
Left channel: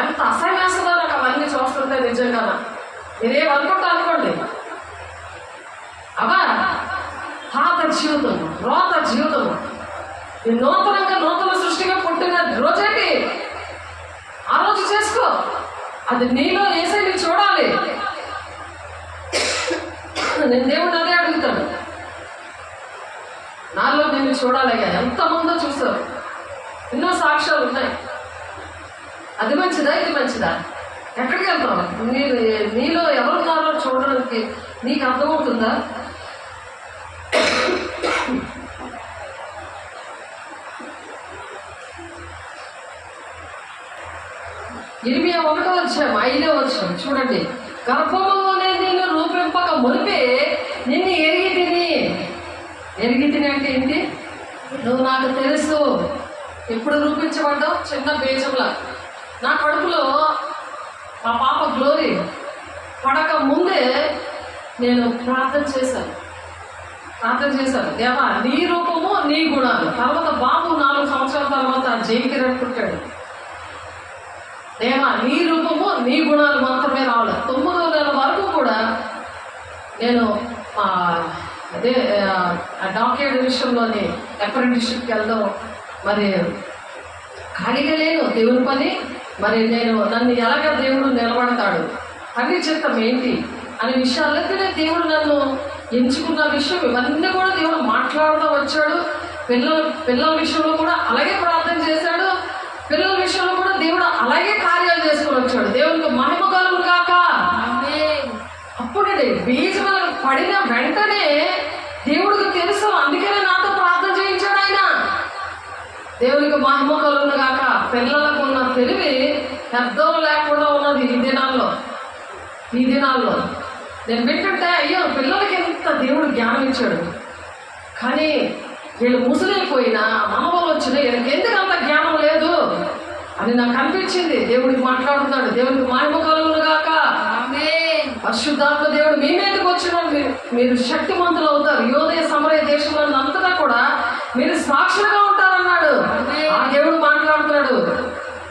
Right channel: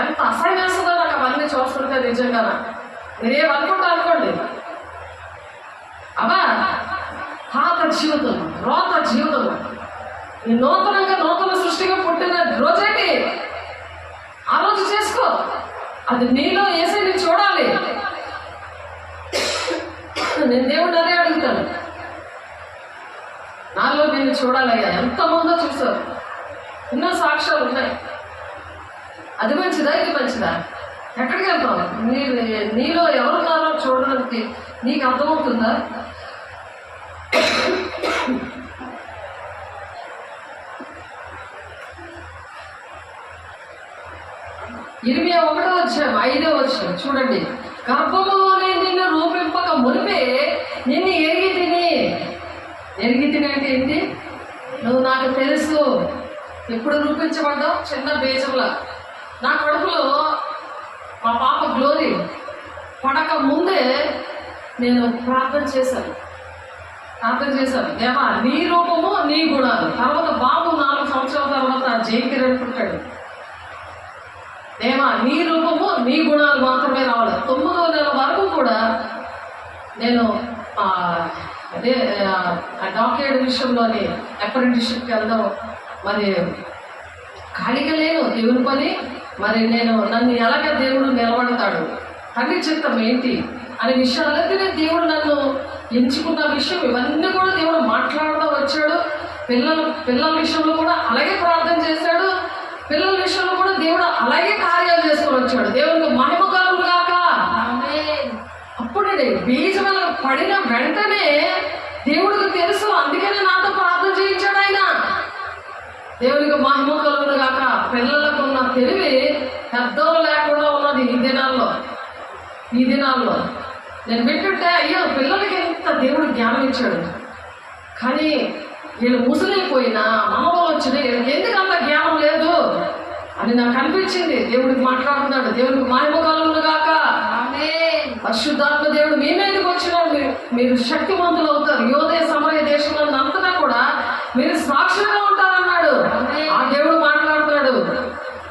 ఎంత అసహ్యం వేస్తుందో నాకు అవన్నీ చూస్తుంటే నిజంగా. మీరేమనుకుంటా అనుకోండి, అబ్బా పాత జీవితము, రోత జీవితము, ఈ నూతనంగా నూతన సృష్టిగా పుట్టిన రోజేంటి ఆ రోజు చేసుకో. అది నీలో వేసే నీ చూడాలి. నేను దేవుడిని అదే అడుగుతాను, నాలో నేను చూడాలయ్యా. ఎంతమందో చూస్తారు, ఎన్నో సాక్ష్యాలు ఉన్నాయి. అది మంచిదా, ఇది మంచిదా, ఎక్కడికి వెళ్తావు? నీలో ఎవరున్నారో చూడడానికి నీకు అర్థమవుతుందా? ఇరవై 1వ అధ్యాయం 5వ వచనం చూడండి. గర్భములోనే నిన్ను రూపింపక మునిపే నిన్ను ఎరిగి తిని అంటే ఏంటి? నువ్వు నాకు తెలుసు. ఎప్పుడు రూపించబడ్డావు? చిన్న బీజంలా. నా కడుపులో మా పాప గ్లోరీ పడక ముందే నేను ప్రార్థన చేశాను. దేవా నీ రూపము నీ గుణాలు. తర్వాత బాబు 4 సంవత్సరాల తర్వాత జైకిరణ్ పుట్టాడు. దేవా నీ రూపము నీ గుణాలు మాత్రమే రావాలి. 9వ నెల వరకు కూడా నేను అదే డాక్టరేట్ విషయంలోని అప్రెంటిస్షిప్కి వెళ్దాం, మరి ఖాళీగా లేను దేవుని పని. మరి నన్ను ఎలాగ దేవుడు నిలబడతాడు, తండ్రి చిత్తం ఏంటి అనే విషయాలైతే దేవుడు నన్ను ఎంచుకున్న విషయం, ఇవన్నీ కూడా దేవుడు మాట్లాడుతూ వచ్చాడు. పిల్లల విషయంలో కూడా అలాగే ప్రార్థన చేశాడు. పిల్లల విషయంలో కూడా దేవుడు అలాగే కార్యాలు చేసుకొని వచ్చాడు. దేవునికి మహిమ కలుగును గాక. అప్పుడే బీజం పడిన వెంటనే దేవుడికి తెలుసు, అందుకనే నాతో ప్రార్థన చేయించాడు ఆయన. దేవునికి మహిమ కలుగును గాక. పిల్లలకు ఉన్న తెలివి పెద్దలు లేకుండా ఉన్నది ఈ దినాల్లో. నేను వింటుంటే అయ్యో పిల్లలకి ఎంత దేవుడు జ్ఞానం ఇచ్చాడు, కానీ వీళ్ళు ముసలైపోయినా మనవలు వచ్చినా వీళ్ళకి ఎందుకు అంత జ్ఞానం లేదు అని నాకు అనిపించింది. దేవుడికి మాట్లాడుతున్నాడు. దేవుడికి మహిమ కలుగును గాక. పరిశుద్ధాత్మ దేవుడు మీ మీదకి వచ్చిన మీరు శక్తివంతులు అవుతారు. యోదయ సమరయ దేశంలో అంతటా కూడా మీరు సాక్షులుగా ఉంటారన్నాడు. ఆ దేవుడు మాట్లాడుతున్నాడు.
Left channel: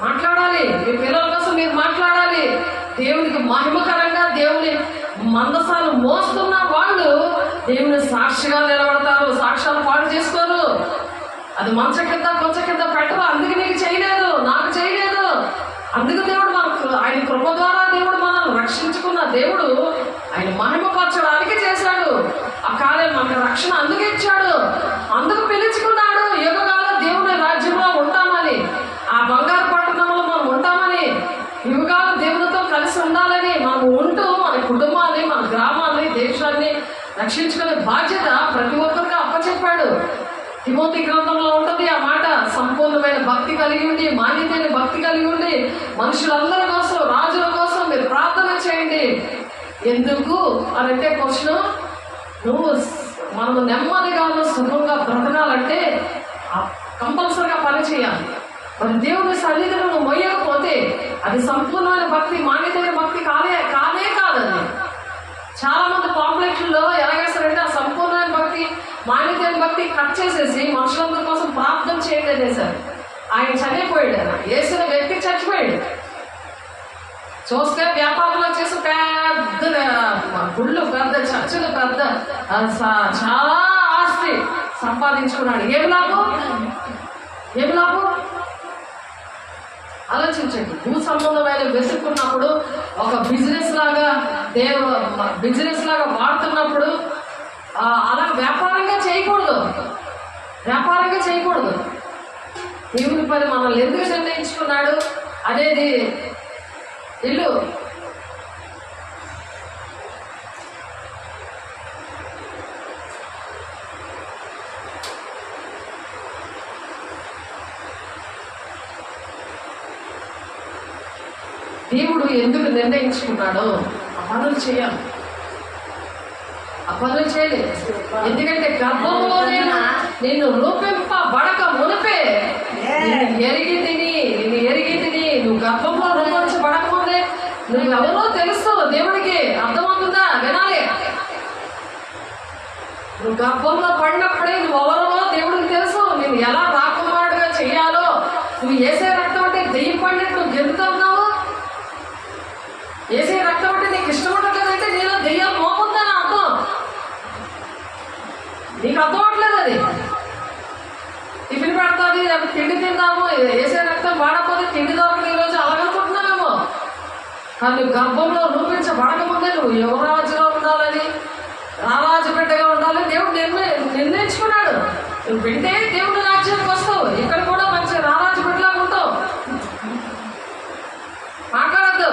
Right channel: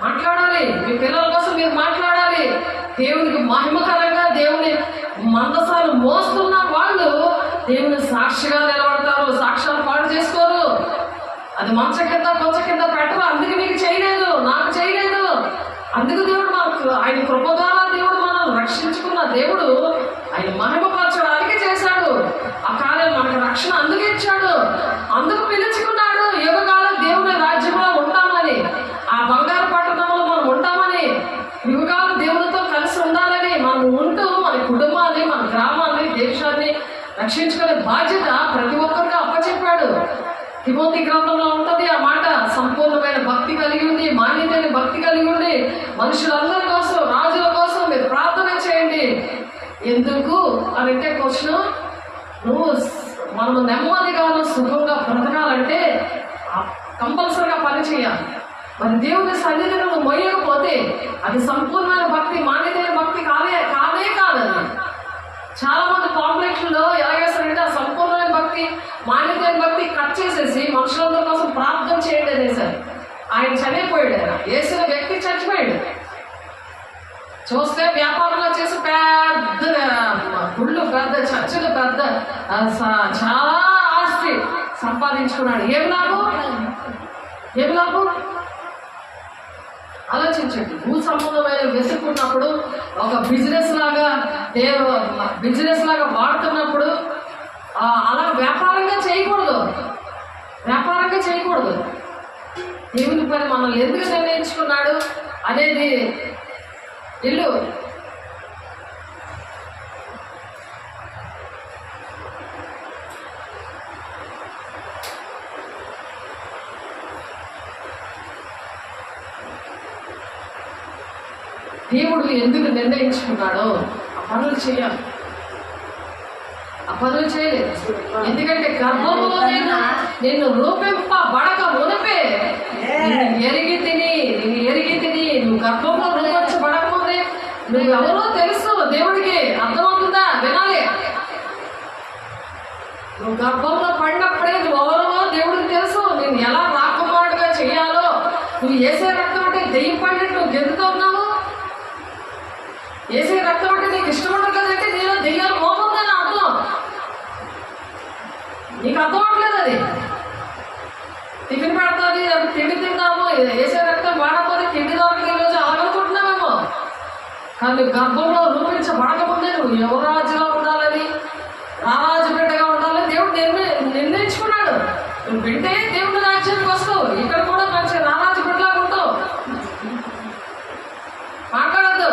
మాట్లాడాలి, మీ పిల్లల కోసం మీరు మాట్లాడాలి. దేవునికి మహిమకరంగా దేవుని మందసాలు మోస్తున్న వాళ్ళు దేవుని సాక్షిగా నిలబడతారు. సాక్ష్యాలు పాడు చేసుకోరు. అది కొంచెం కింద పెట్టరు. అందుకు నీకు చేయలేదు, నాకు చేయలేదు. అందుకు దేవుడు మనకు ఆయన కృప ద్వారా దేవుడు మనల్ని రక్షించుకున్న దేవుడు ఆయన మహిమపరచడానికి చేశాడు. ఆ కాలం మనకు రక్షణ అందుకు ఇచ్చాడు, అందుకు పిలుచుకున్నాడు. యుగకాలం దేవుని రాజ్యంలో ఉంటామని, ఆ బంగారు పట్టణంలో మనం ఉంటామని, యుగకాలం దేవునితో కలిసి ఉండాలని, మనం ఉంటూ మన కుటుంబాన్ని, మన గ్రామాన్ని, దేశాన్ని రక్షించుకునే బాధ్యత ప్రతి ఒక్కరికి అప్పచెప్పాడు. తిమోతి గ్రంథంలో ఉంటుంది ఆ మాట. సంపూర్ణమైన భక్తి కలిగి ఉండి, మాన్యతైన భక్తి కలిగి ఉండి, మనుషులందరి కోసం, రాజుల కోసం మీరు ప్రార్థన చేయండి. ఎందుకు అని అంటే క్వశ్చన్, మనము నెమ్మదిగా సుఖంగా బ్రతకాలంటే కంపల్సరిగా పని చేయాలి. మరి దేవుని సన్నిధిని నువ్వు మొయ్యకపోతే అది సంపూర్ణమైన భక్తి, మాన్యతైన భక్తి కాదే కాదని. చాలా మంది కాంప్లెక్స్లో ఎలాగేస్తారంటే ఆ సంపూర్ణమైన భక్తి, మాన్యతైన భక్తి కట్ చేసేసి మనుషులందరి కోసం ప్రార్థన చేయండి అనేసారు. ఆయన చనిపోయాడు. ఆయన వేసిన వ్యక్తి చచ్చిపోయాడు. చూస్తే వ్యాపారంలో చేసి పెద్ద గుళ్ళు, పెద్ద చర్చలు, పెద్ద చాలా ఆస్తి సంపాదించుకున్నాడు. ఏం లాభం? ఆలోచించండి. భూ సంబంధమైన వెతుక్కున్నప్పుడు ఒక బిజినెస్ లాగా వాడుతున్నప్పుడు అలా వ్యాపారంగా చేయకూడదు. దేవుని పని మనల్ని ఎందుకు నిర్ణయించుకున్నాడు అనేది ఇల్లు దేవుడు ఎందుకు నిర్ణయించుకున్నాడో ఆ పనులు చేయాలి. ఆ పనులు చేయలేదు. ఎందుకంటే గర్భంలో నిన్ను రూపింపబడక మునిపే నిన్ను ఎరిగి తిని నువ్వు గర్భంలో రూపించబడక ముందే నువ్వు ఎవరో తెలుసు దేవుడికి. అర్థమవుతుందా? వినాలి. నువ్వు గర్భంలో పడినప్పుడే నువ్వు ఎవరో దేవుడికి తెలుసు. నేను ఎలా రాకుమారుడుగా చెయ్యాలో, నువ్వు ఏసే రక్తం అంటే దెయ్యం పడినట్టు నువ్వు గెలుతున్నావు. ఏసే రక్తం అంటే నీకు ఇష్టం ఉండట్లేదంటే నేను దెయ్యాలు మోపుందని అర్థం. నీకు అర్థం అవట్లేదు. అది టిఫిన్ పెడతాది, తిండి తిందాము, ఏసే రక్తం వాడకపోతే తిండి దొరకదు ఈరోజు అలాగనుకుంటున్నామేమో. కానీ గర్భంలో రూపించబడక ముందే నువ్వు యువరాజుగా ఉండాలని, రారాజు బిడ్డగా ఉండాలని దేవుడు నిర్ణయించుకున్నాడు. నువ్వు వింటే దేవుడు రాజ్యానికి వస్తావు. ఇక్కడ కూడా మంచి రారాజు బిడ్డలాగా ఉంటావు. మాట్లాడద్దు.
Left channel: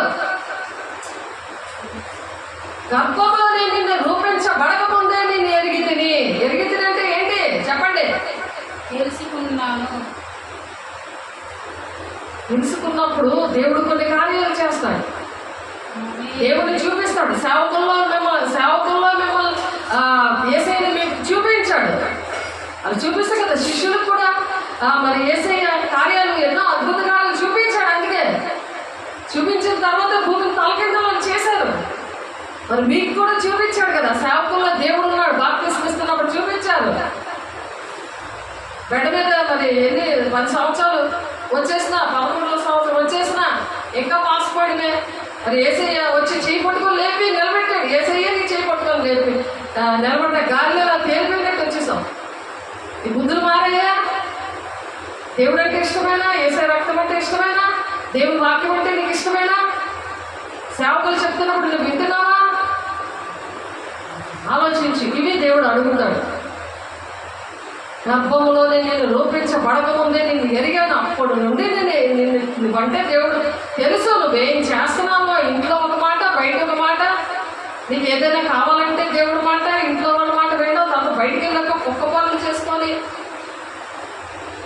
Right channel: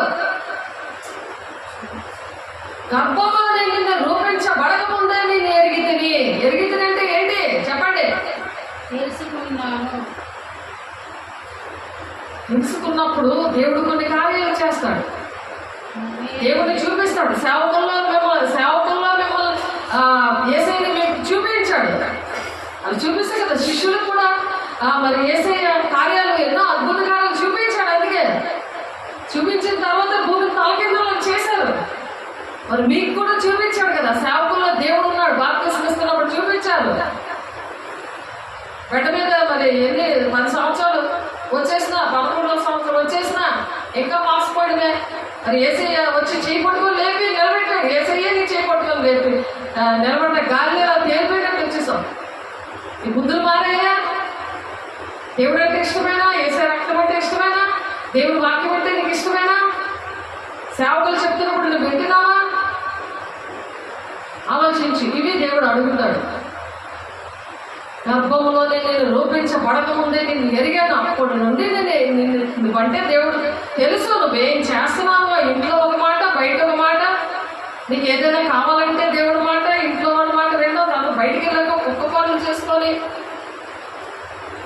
గర్భంలో నిన్ను రూపించబడక ముందే నేను ఎరిగి తిని అంటే ఏంటి చెప్పండి? తెలుసుకున్నప్పుడు దేవుడు కొన్ని కార్యాలు చేస్తాడు. దేవుడిని చూపిస్తాడు. సేవకుల్లో మిమ్మల్ని యేసయ్యని మీకు చూపించాడు. అది చూపిస్తే కదా శిష్యులకు కూడా మరి యేసయ్య కార్యాలు ఎన్నో అద్భుత కార్యాలు చూపించాడు. అందుకే చూపించిన తర్వాత భూమిని తలకిందులను చేశారు. మరి మీకు కూడా చూపించాడు కదా. సేవకుల్లో దేవుడు ఉన్నాడు. బాప్తిస్మం ఇస్తున్నప్పుడు చూపించారు. బెడ్ మీద మరి 10 సంవత్సరాలు వచ్చేసినా, 11వ సంవత్సరం వచ్చేసినా ఇంకా పాసిపోవడమే. మరి ఏసయ్య వచ్చి చేయి పట్టుకొని లేపి నిలబెట్టాడు. ఏసయ్య నీ చేయి పట్టుకొని లేపి నిలబడ్డ గాలిలో తేలిపోయినట్టు వచ్చేసాం. ఈ బుద్ధులు మారయ్యా. దేవుడు అంటే ఇష్టమైనా, ఏసయ్య రక్తం అంటే ఇష్టమైనా, దేవుడి వాక్యం అంటే నీకు ఇష్టమైనా, సేవకులు చెప్తున్నప్పుడు నువ్వు వింటున్నావా? ఆలోచించి ఇవి దేవుడు అడుగుతాడు. గర్భంలోనే నేను రూపించబడక ముందే నిన్ను ఎరిగాను. అప్పుడు నుండి నువ్వంటే దేవుడు తెలుసు. నువ్వేం చేస్తున్నావో, ఇంట్లో ఒక మాట, బయట ఒక మాట. నీకు ఏదైనా కావాలంటే దేవుడు మాట, ఇంట్లో వాళ్ళ మాట రెండో, తను బయటికి వెళ్ళాక కుక్క పనులు చేసుకొని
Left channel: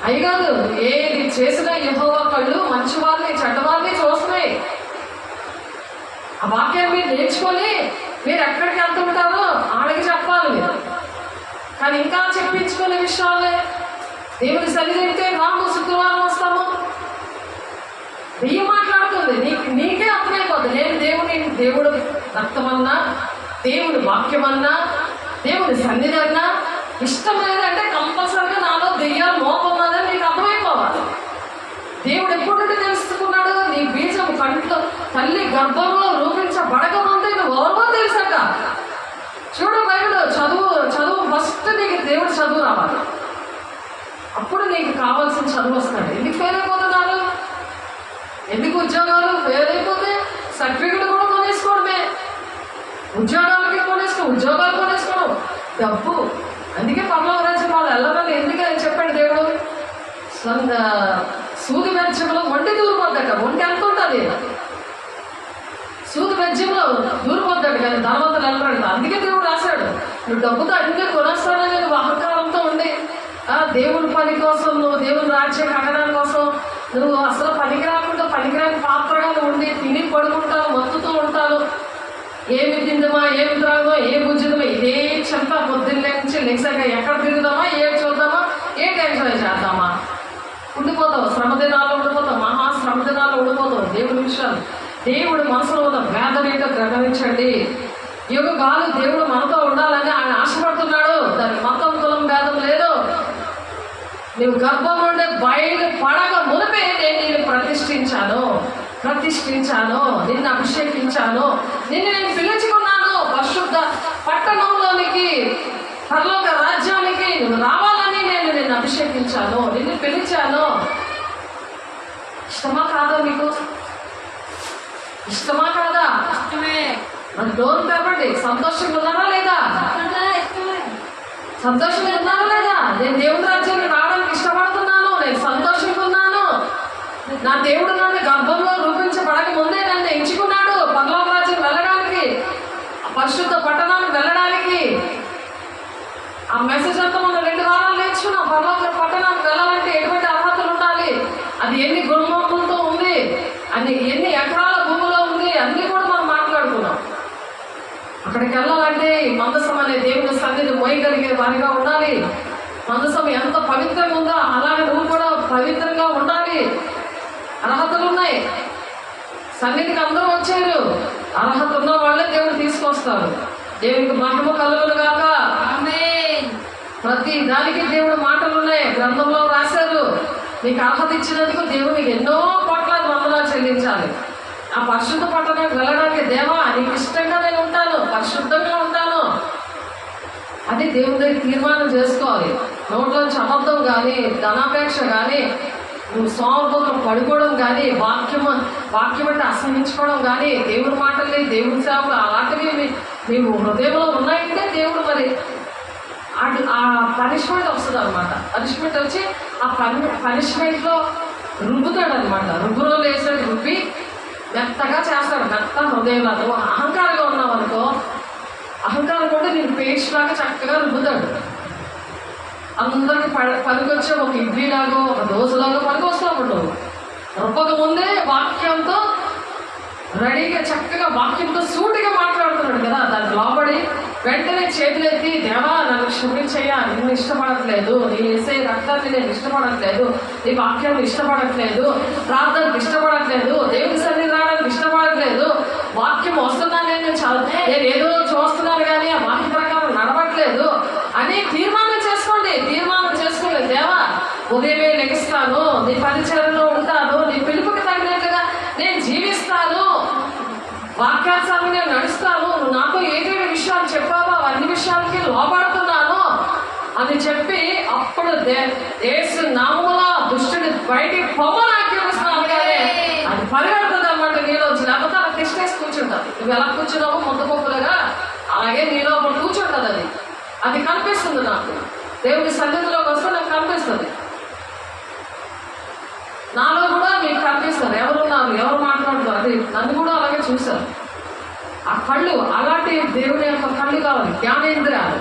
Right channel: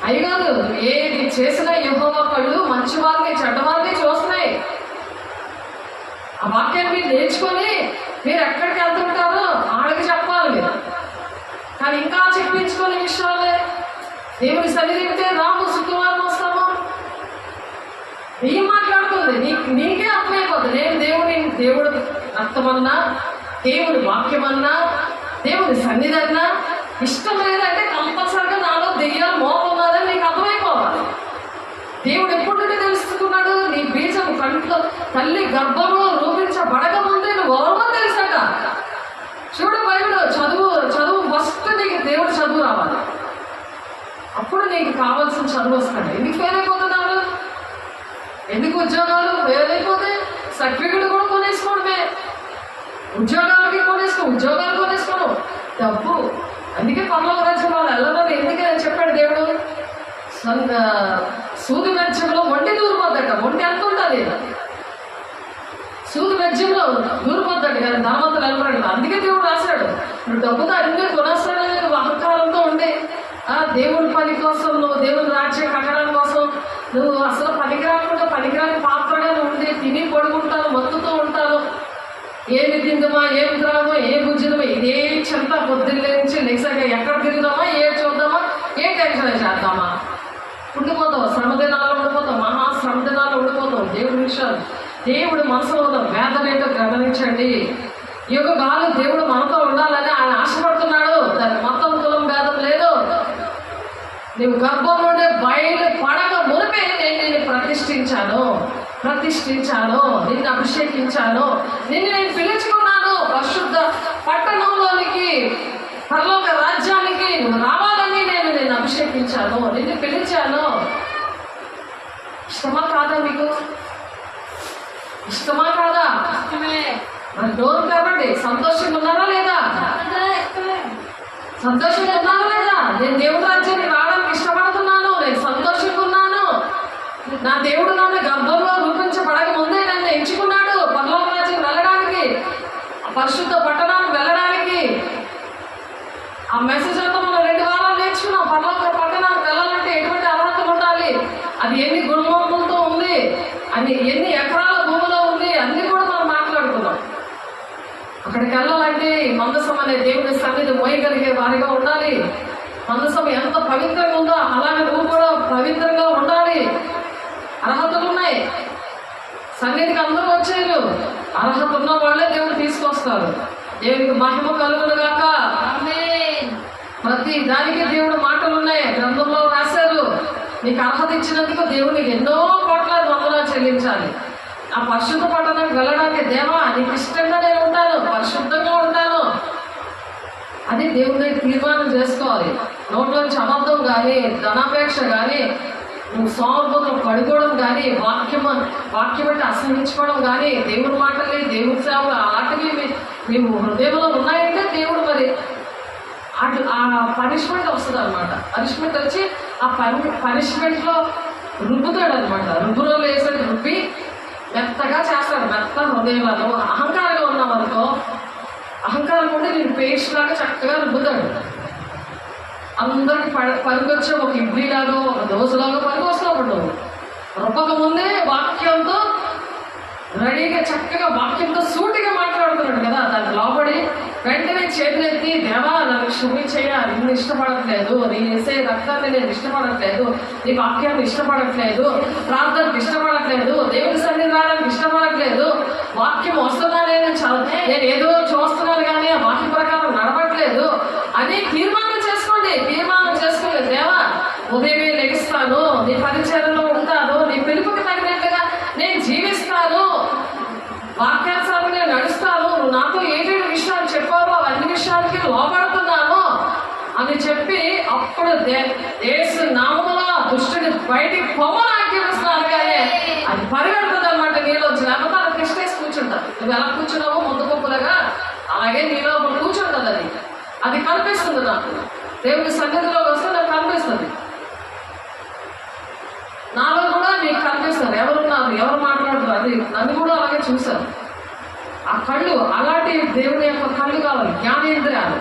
అయ్యగాదు. ఏది చేసినా యెహోవా కళ్ళు మంచివారిని చెడ్డవారిని చూస్తున్నాయి. ఆ వాక్యాన్ని మీరు నేర్చుకొని మీరు ఎక్కడికి వెళ్తుంటారో ఆడికి చెప్పాలి మీరు. కానీ ఇంకా చెప్పించుకునే విషయాలే. దేవుని సన్నిధింటే రాము శుక్రవారం వస్తాము. నీ మాట్లాడుతుంది నీకే అర్థమైపోతుంది. నేను దేవుడు రక్తమన్నా, దేవుడి వాక్యమన్నా, దేవుడి సన్నిధి అన్నా ఇష్టం లేదంటే కంపల్సరిగా నాలో దెయ్యాలు మోపన్నదని నీకు అర్థమైపోవాలి. దేవుడు ఎప్పుడు తెలుసుకున్నాడు? నీ బీజం కంట్లో తల్లి గర్భంలో రూపించబడక ముందే నువ్వు ఎవరో తెలుసాక. చూడు బైబిల్ చదువు ఫస్ట్ నీకు దేవుడు చదువు రావాలి. అప్పుడు నీకు కావాల్సిన చదువు వస్తాడు. ఎందుకు ఫెయిల్ అయిపోతున్నారు? ఎందుకు ఉద్యోగాలు ఫెయిల్ అయిపోతే సర్టిఫికెట్ కూడా కొనేసుకోవడమే. ఉద్యోగాలు కొనేసుకోవడం డబ్బు. అందుకే పర్లోక రాజ్యం వాళ్ళు వెళ్ళమని ఎందుకని చెప్పాడు దేవుడు. సూది వెజ్యంలో ఒంటి దూరిపోద్దట. ఒంటి ఎంత ఉంటుంది? సూది వెజ్యంలో దూరిపోద్దట. కానీ ధనవంతులు వెళ్ళరాడు. అందుకే దేవుడు రాశాడు, నువ్వు డబ్బుతో అన్ని కొనేస్తానని నువ్వు అహంకారంతో ఉండి దేవుడి పని కోసం, నువ్వు దేవుని రాజ్యం కట్టడం కోసం నువ్వు అసలు పనికిరాని పాత్రగా ఉండి తిని పడుకుంటాను, మత్తుతూ ఉంటాను. ఏమి తిందమా, ఏమి త్రాగమా, ఏ భుజమా, ఇదే చెంత పొద్దున్నే నుంచి లెగ్సాక ఎక్కడ తిరుగుదామా, ఏ చూద్దామా, ఏ టెన్షన్ చేద్దామా, ఉండిపోతావు. శ్రమదినాల్లో ఉండిపోతావు. మహాశ్రమదినాల్లో ఉండిపోతావు. దేవుడి విషయాలు, దేవుడు మనసులో ఉన్న వేదన ఏంటో గమనించండి. యుగాలు దేవుడు మనతో ఉండాలని ఆయన ఆశపడుతున్నాడు. దానికి మతం కులం భేదం లేదు. నువ్వు గర్భం నుండి బయలు పడక మునిపే నేను నిన్ను ప్రతిష్ఠించాను, నిన్ను అభిషేకించాను, నేను పిలుచుకున్నాను. పరిశుద్ధ పట్టణంలోనికి, పరలోక రాజ్యానికి నువ్వు రావాలని నేను నిన్ను అభిషేకించాను, నిన్ను పిలిచాను. ఇష్టమా కాదా? మీకు ఇష్టమా కాదా? మరి డోర్ తెరవండి. సంతోషంగా ఉన్నారా లేదా? సంతోషంగా ఉన్నారా లేదా? నేను దేవుడి రాజ్యాన్ని రావడానికి ఇష్టపడుతున్నాను. నేను సంతోషంగా ఉన్నాను. నా దేవుడు నన్ను గర్భంలో రూపించబడక ముందే నన్ను ఎంచుకున్నాడు పరలోక రాజ్యం వెళ్ళడానికి, పరిశుద్ధ పట్టణానికి వెళ్ళడానికి. ఆ మెసేజ్ అంతా మనం 2 వారాలు నేర్చుకున్నాం. పరలోక పట్టణానికి వెళ్ళాలంటే ఎటువంటి అర్హతలు ఉండాలి, అది ఎన్ని గుణములతో ఉంది, అది ఎన్ని ఎకరాల భూములు అక్కడికి వెళ్ళాలంటే మందసం అనే దేవుని సన్నిధి మోయగలిగే వారిగా ఉండాలి. మందసం ఎంత పవిత్రంగా ఉందో అలాగే నువ్వు కూడా పవిత్రంగా ఉండాలి. అర్హతలు ఉన్నాయి. సన్నిధికి అందరూ వచ్చారు. అర్హత ఉన్న వాళ్ళే దేవుడు తీసుకొస్తారు. దేవునికి మహిమ కలుగును గాక. ప్రతి దానికి దేవుడు మాటలు ఉన్నాయి, గ్రంథంలో రాశారు. నీకు అర్హత ఇచ్చినందుకు దేవునికి ఎన్నో కోట్ల వందనాలు చెల్లించాలి. ఆ పరిశుద్ధ పట్టణానికి వెళ్ళడానికి, దేవా నీకు ఇష్టంగా నేను ఉంటాను, పరిశుద్ధంగా ఉంటాను, అది దేవుడి తీర్మానం చేసుకోవాలి. నోట్లోంచి అబద్ధం కానీ, ధనాపేక్ష కానీ, నువ్వు సోమర్పదం పడుకోవడం కానీ, వాక్యం అంటే అసహించుకోవడం కానీ, దేవుడి మాటల్ని, దేవుడి సేవలు అలాంటివి నీవు హృదయంలో ఉన్నాయంటే దేవుడు మరి ఆ పనిష్మెంట్ వస్తుంది అనమాట. పనిష్మెంట్ వచ్చి ఆ పనిష్మెంట్లో రుబ్బుతాడు అనమాట. రుబ్బులో వేసని రుబ్బి మెత్తగా చేస్తాడు. మెత్త హృదయంలో అహంకారంగా ఉన్నావు అనుకో, అహంకారం ఉంటే నేను పేస్ట్ లాగా చక్కగా రుబ్బుతాడు. అందరికి పనికొచ్చే ఒక ఇడ్లీలాగో ఒక దోశలాగో పనికొస్తావు నువ్వు. రుబ్బక ముందే వాక్యంతో రెడీగా చక్కగా వాక్యంతో సూటిగా మాట్లాడుతున్నాడు కదా, దానికి లోబడి వెంటనే చేతులెత్తి, దేవా నన్ను క్షమించయ్యా, నిన్ను ఇష్టపడట్లేదు, నీ వేసే రక్తాన్ని నేను ఇష్టపడట్లేదు, నీ వాక్యాన్ని ఇష్టపడట్లేదు, ప్రార్థనకు ఇష్టపడట్లేదు, దేవుని సన్నిధి రావడానికి ఇష్టపడట్లేదు, వాక్యం వస్తున్నా నేను ఏదో చూస్తున్నాను కానీ ఆ వాక్య ప్రకారం నడవట్లేదు అని తీర్మానం చేసుకోండి. తీర్మానం చేసుకోలేదు, దేవా ఉదయమే లెగిస్తాను, నీ పరిచయంలో ఉంటాను, నీ పిలుపుకి తగినట్లుగా నేను జీవిస్తాను, వాక్యానుసారంగా నడుస్తాను, నువ్వు నాతో ఏదైనా విషయాలు చెప్పావో అన్ని విషయాలకి లోపడుతున్నాను అని చెప్పి అప్పుడు యేసు నామములో దుష్టుడి బయటికి పొమ్మని ఆజ్ఞాపిస్తున్నాను. కానీ అది పరిగెడుతుంది అన్నమాట నీలోంచి. లేకపోతే అది కృష్ణేసి కూర్చుంటారు. నువ్వు ఎలా కూర్చున్నావో ముద్దపప్పులుగా అలాగే నీలో కూర్చుంటుంది. అది కనిపిస్తుంది నాకు. దేవుడి సన్నిధిలోకి వస్తే నాకు కనిపిస్తుంది. నాలో కూడా మీకు కనిపిస్తారు ఎవరున్నారు, ఎవరు మాట్లాడుతారు. అది నన్ను కూడా అలాగే చూశారు. ఆ కళ్ళు అలాంటి దేవుని యొక్క కళ్ళు కావాలి. జ్ఞానేంద్రియాలు,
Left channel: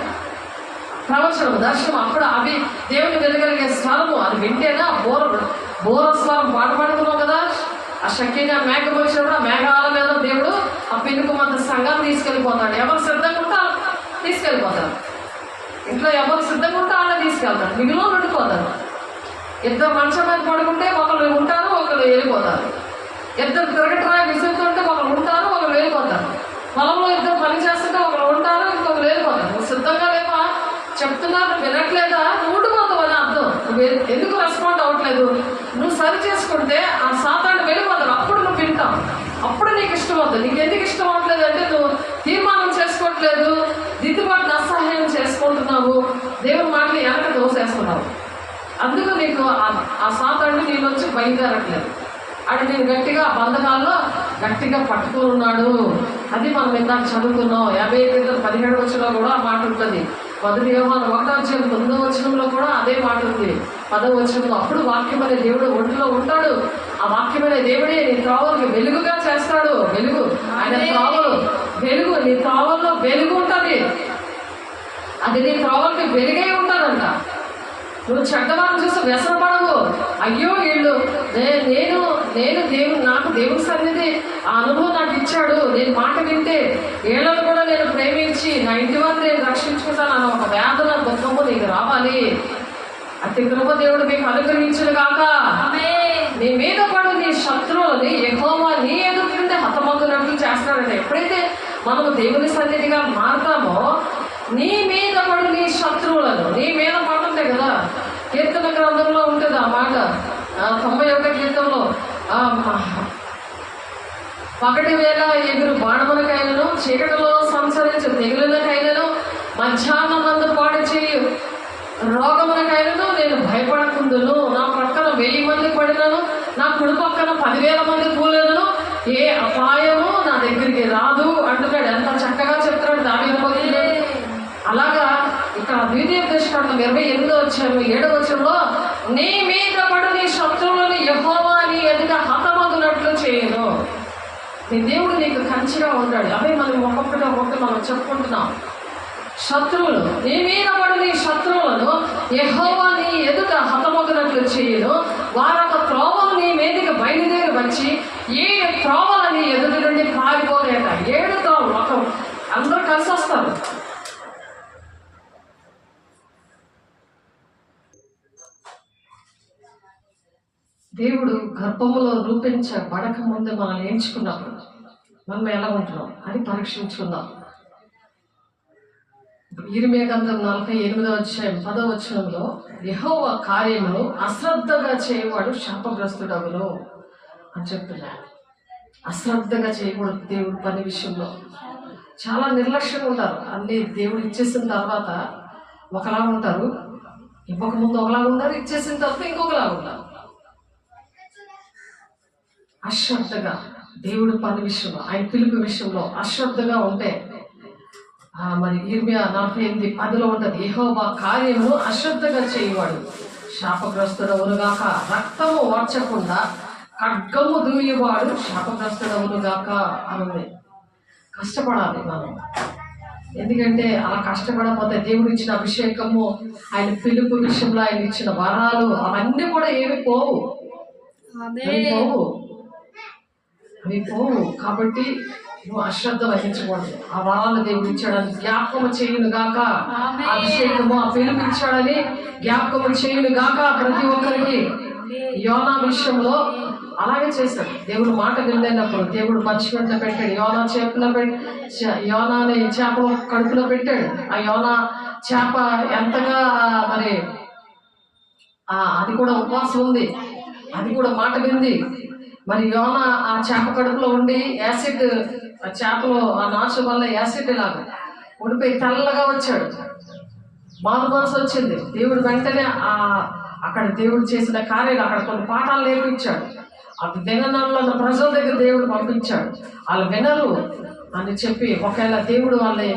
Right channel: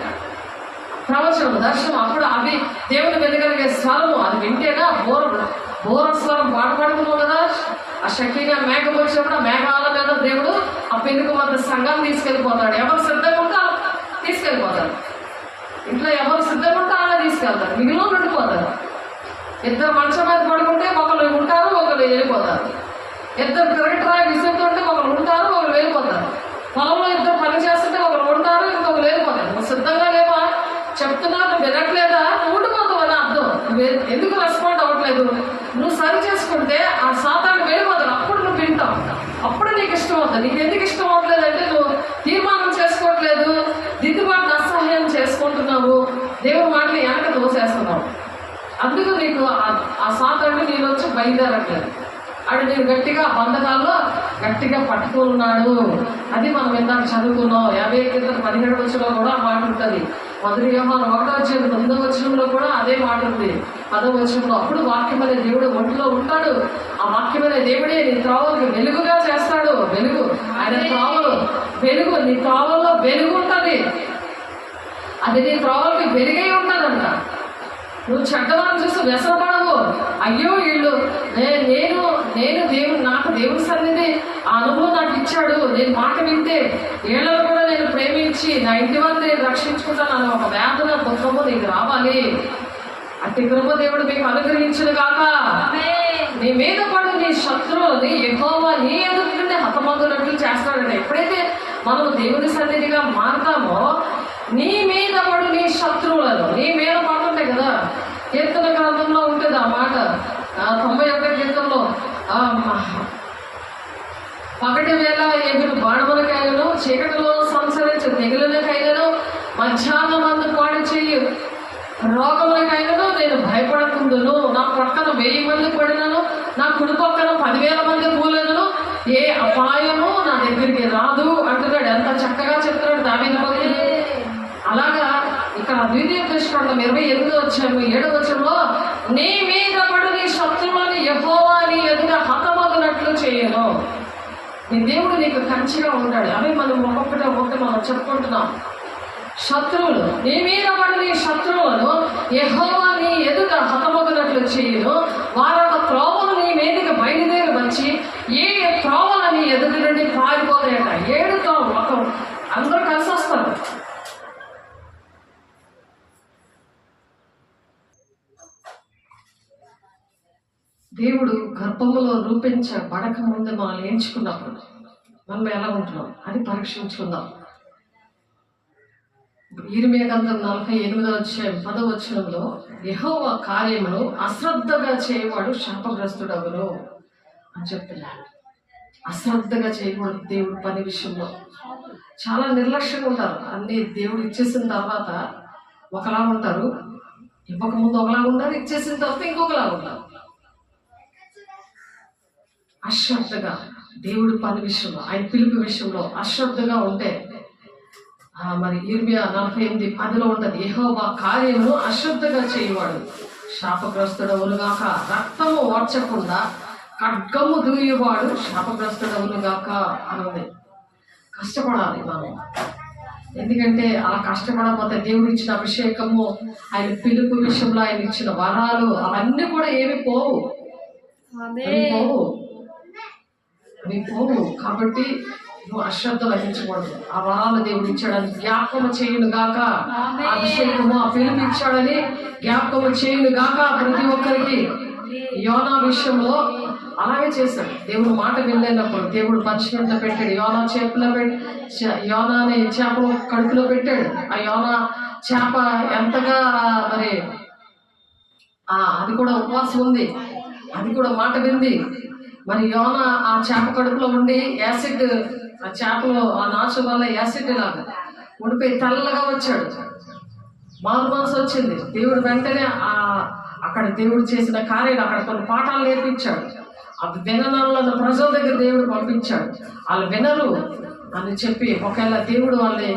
ప్రవచనం, దర్శనం, అప్పుడు అవి దేవుని వెళ్ళగలిగే స్వరము. అది వింటేనా బోర స్వరం పాడుతున్నాం కదా. ఆ షకీనా మేఘం వచ్చినప్పుడు ఆ మేఘాల మీద దేవుడు ఆ పెనుకు మధ్య సంఘాన్ని తీసుకెళ్ళిపోతాడు. ఎవరు సిద్ధంగా ఉంటే తీసుకెళ్ళిపోతారు. ఇంట్లో ఎవరు సిద్ధంగా ఉంటే అలా తీసుకెళ్తారు, మిగిలిన ఉండిపోతారు. ఇద్దరు మంచం మీద పడుకుంటే ఒకరు ఉంటారు, ఒకరు వెళ్ళిపోతారు. ఇద్దరు తిరగట్రాయి విసురుతుంటే ఒకరు ఉంటారు, ఒకరు వెళ్ళిపోతారు. పొలంలో ఇద్దరు పని చేస్తుంటే ఒకరు ఉంటారు, ఇంకొకరు వెళ్ళిపోతారు. నువ్వు సిద్ధంగా లేవా, చెప్తున్నా నువ్వు వినట్లేదా, నువ్వు ఉండిపోతావు అని అర్థం. నువ్వు ఎందుకు రెస్పాండ్ అవ్వట్లేదు, నువ్వు సరి చేసుకుంటే ఆ సాతాన్ని వెళ్ళిపోతారు. అప్పుడు నువ్వు వింటావు, అప్పుడు నీకు ఇష్టం అవుతుంది. నీకు ఎందుకు ఇష్టం అవ్వట్లేదు అంటే నువ్వు తీర్మానం చేసుకోవట్లేదు, దిద్దుబాటు అసహ్యం చేసుకుంటున్నావు, దేవుని మాటని వెనక దోసేస్తున్నావు. అందుకు నీకు ఆ సాతాన్ని నేను వచ్చి బయలుదేరట్లేదు. అటు నేను గట్టిగా బంధకాల్లో గట్టిగా పట్టుకున్నాడు. అది మనం ఇందాక చదువుకున్నాం. 51:17 కూడా ఆ మాట ఉంటుంది. 1 యోహాను 1:9 కూడా అదే మాట ఉంది. 10వ అప్పుడు వాక్యం అనే దేవుడు ఒంటిలో ఉంటాడు. ఆ వాక్యం అనే దేవుడే నీ త్రోవలకు వెలుగుగా చేస్తాడు. వెలుగు ఆయన త్రోవలు వెలుగు, నీ త్రోవల్లో వెలుగు ఉంటుంది. అది నీ త్రోవలకి వెలుగై ఉంటుందంట. నువ్వు చెడ్డవారిని చూసి వ్యసనపడవు. అయ్యో వీళ్ళు నేను దేవుడు నాకు దేవుని సన్నిధి ఆ అనుభవం నాకు ఇచ్చాడు, నేను మాట వింటే వీళ్ళను కూడా నేను ప్రేమించి నా ఇంటి వారిని నేను రక్షించుకుంటాను అన్న ఒక వేదన దుఃఖము నీకు రావాలి. అతి కృప దేవుడు మీకు అనుగ్రహించును గాక. నీ మీద పడు నీ శత్రువులని యెహోవా నీ ఎదుటి నుండి హతమగునట్లు చేస్తాడంటే, ఎప్పుడైతే మనము దేవుని సన్నిధిగా మారతామో నీ మీద పడు నీ శత్రువులను, నీ మీద పడుతుంటాయి కదా. కీర్తన గ్రంథంలో ఉంటుంది ఆ మాట. 91 కీర్తనలో పగటి వేళ ఎగురు బాణములకైనను, చీకటిలో సంచరించే తెగులకైనను, మధ్యాహ్నం మందు పాడు చేయు రోగములకైనను నేను భయపడకుందును. నా పక్కన 1000 మంది పడినను, నా కుడి పక్కన 10,000 మంది కూలినను, ఏ అపాయము నా దగ్గరికి రాదు అంటున్నాడు. ఎంత చక్కగా చెప్తున్నాడు దావీదు. అలాగా ఇక్కడ ద్వితీయోపదేశకాండం 28:7 నీ మీద పడు నీ శత్రువులను యెహోవా నీ ఎదుట హతమగునట్లు చేయను. నీ దేవుడు నీకు కంచిగా ఉంటాడు. అవి మనం ఒక్కొక్కటి మనం చెప్పుకుంటున్నాం. శత్రువులు నీ మీద పడి నీ శత్రువులను యెహోవా నీ ఎదుట హతమగునట్లు చేయను. వారొక త్రోవను నీ మీదకి బయలుదేరి వచ్చి ఏ త్రోవల నీ ఎదుటి నుండి పారిపోలేక 7 త్రోవలు అందరూ కలిసి దేవుడు గర్భములో రూపించబడక ముందే మనల్ని ఎంచుకున్నప్పుడు మనం ఎలా ఉంటున్నాం అని పరీక్షించుకుందాం. ఇర్మియా గ్రంథం 48వ అధ్యాయం 10వ వచనంలో, యెహోవా కార్యమును అశ్రద్ధగా చేయవాడు శాపగ్రస్తుడగును అని చెప్తున్నాడు. అశ్రద్ధగా చేయకూడదు దేవుడి పని విషయంలో. చాలా నిర్లక్ష్యంగా ఉంటారు. అన్ని దేవుడు ఇచ్చేసిన తర్వాత ఒకలా ఉంటారు, ఇవ్వకముందు ఒకలాగా ఉంటారు, ఇచ్చేసిన తర్వాత ఇంకొకలాగా ఉంటారు. అశ్రద్ధగా దేవుడి పని విషయంలో, ఆయన పిలుపు విషయంలో అశ్రద్ధగా ఉంటే మరి ఇర్మియా 48:10 ఉంటుంది, యెహోవా కార్యము అశ్రద్ధగా చేయవాడు శాపగ్రస్తుడవునుగాక, రక్తము ఓర్చకుండా ఖడ్గము దూయేవాడు శాపగ్రస్తుడవునుగాక అని ఉంది. కష్టపడాలి మనం. ఎందుకంటే ఆ కష్టపడకపోతే దేవుడు ఇచ్చిన అభిషేకము, ఆయన పిలుపు విషయంలో ఆయన ఇచ్చిన వరాలు అవన్నీ కూడా ఏమి పోవు. కాబట్టి నువ్వు అశ్రద్ధ వహించకూడదు. ఆ వరాలు దేవుడు ఇచ్చాడని జ్ఞాపకము చేయును గాక, అభిషేకము ఆ పిలుపు ఇచ్చాడని జ్ఞాపకము చేయును గాక ప్రతి ఒక్కరికి. యోనా విషయంలో అలాగే చేశాడు. దేవుడు మాట వినలేనప్పుడు దేవుడు పచ్చిమిట్లో పెట్టాడు, యోనా యోనాని చేపలు కడుపులో పెట్టాడు. ఆ యోనా చేప ఎంతగా మరి అది కూడా ఉపవాసం ఉంది, అది కూడా మాట వింది. మరి యోనా ఆ చేప కడుపులో ఉండి యాసిడ్, ఆ చేపలో ఆ నాచు వల్ల యాసిడ్ లాగా ఉండిపోయి తెల్లగా వచ్చాడు. మారు మనసు వచ్చింది. దేవుడు వెంటనే అక్కడ దేవుడు చేసిన కార్యాలు అక్కడ కొన్ని పాఠాలు నేర్పించాడు. అది విననంలో ప్రజల దగ్గర దేవుడు పంపించాడు. వాళ్ళు వినరు అని చెప్పి, ఒకవేళ దేవుడు వాళ్ళని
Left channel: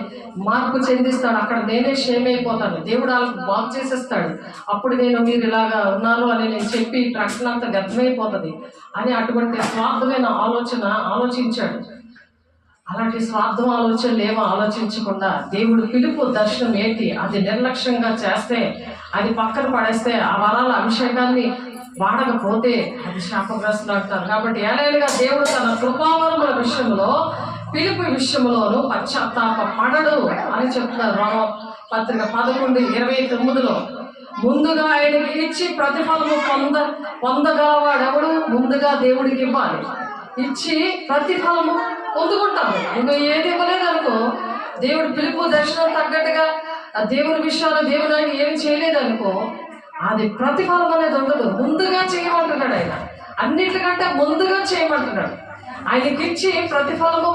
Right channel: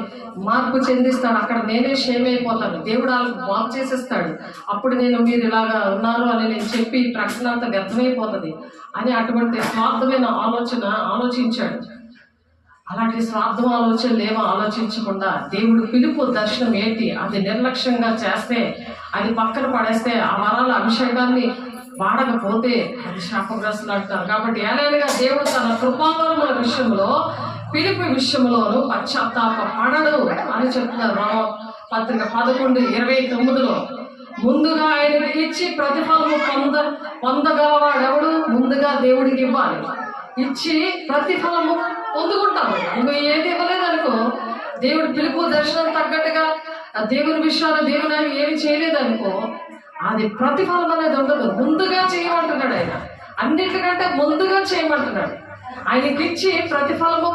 మార్పు చెందిస్తాడు, అక్కడ నేనే షేమ్ అయిపోతాను, దేవుడు వాళ్ళకి బాగు చేసేస్తాడు, అప్పుడు మీరు ఇలాగా ఉన్నారు అని నేను చెప్పి ప్రశ్న అంతా వ్యర్థమైపోతుంది అని అటువంటి స్వార్థమైన ఆలోచించాడు. అలాంటి స్వార్థం ఆలోచనలు ఏమో ఆలోచించకుండా దేవుడు పిలుపు దర్శనం ఏంటి అది నిర్లక్ష్యంగా చేస్తే, అది పక్కన పడేస్తే, ఆ వరాల అభిషేకాన్ని వాడకపోతే అది శాపగ్రస్తులు అంటారు. కాబట్టి ఏలైనగా దేవుడు తన కృపావరముల విషయంలో, పిలుపు విషయంలోనూ పశ్చాత్తాప పడడు అని చెప్తున్నారు. రోమపత్రిక 11:29లో, ముందుగా ఆయనకి ఇచ్చి ప్రతిఫలము పొందగలవాడెవడు? ముందుగా దేవుడికి ఇవ్వాలి, ఇచ్చి ప్రతిఫలము పొందుకుంటాము. నువ్వు ఏది ఇవ్వలేదనుకో, దేవుడు పిలుపు దర్శనం తగ్గట్టుగా దేవుని విషయాలు దేవుని ఏమి చేయలేదనుకో, అది ప్రతిఫలం అనేది ఉండదు. ముందుగా చేయమంటున్నాడు ఆయన, అన్నిటికంటే ముందుగా చేయమంటున్నాడు. ఆయనకిచ్చి ప్రతిఫలము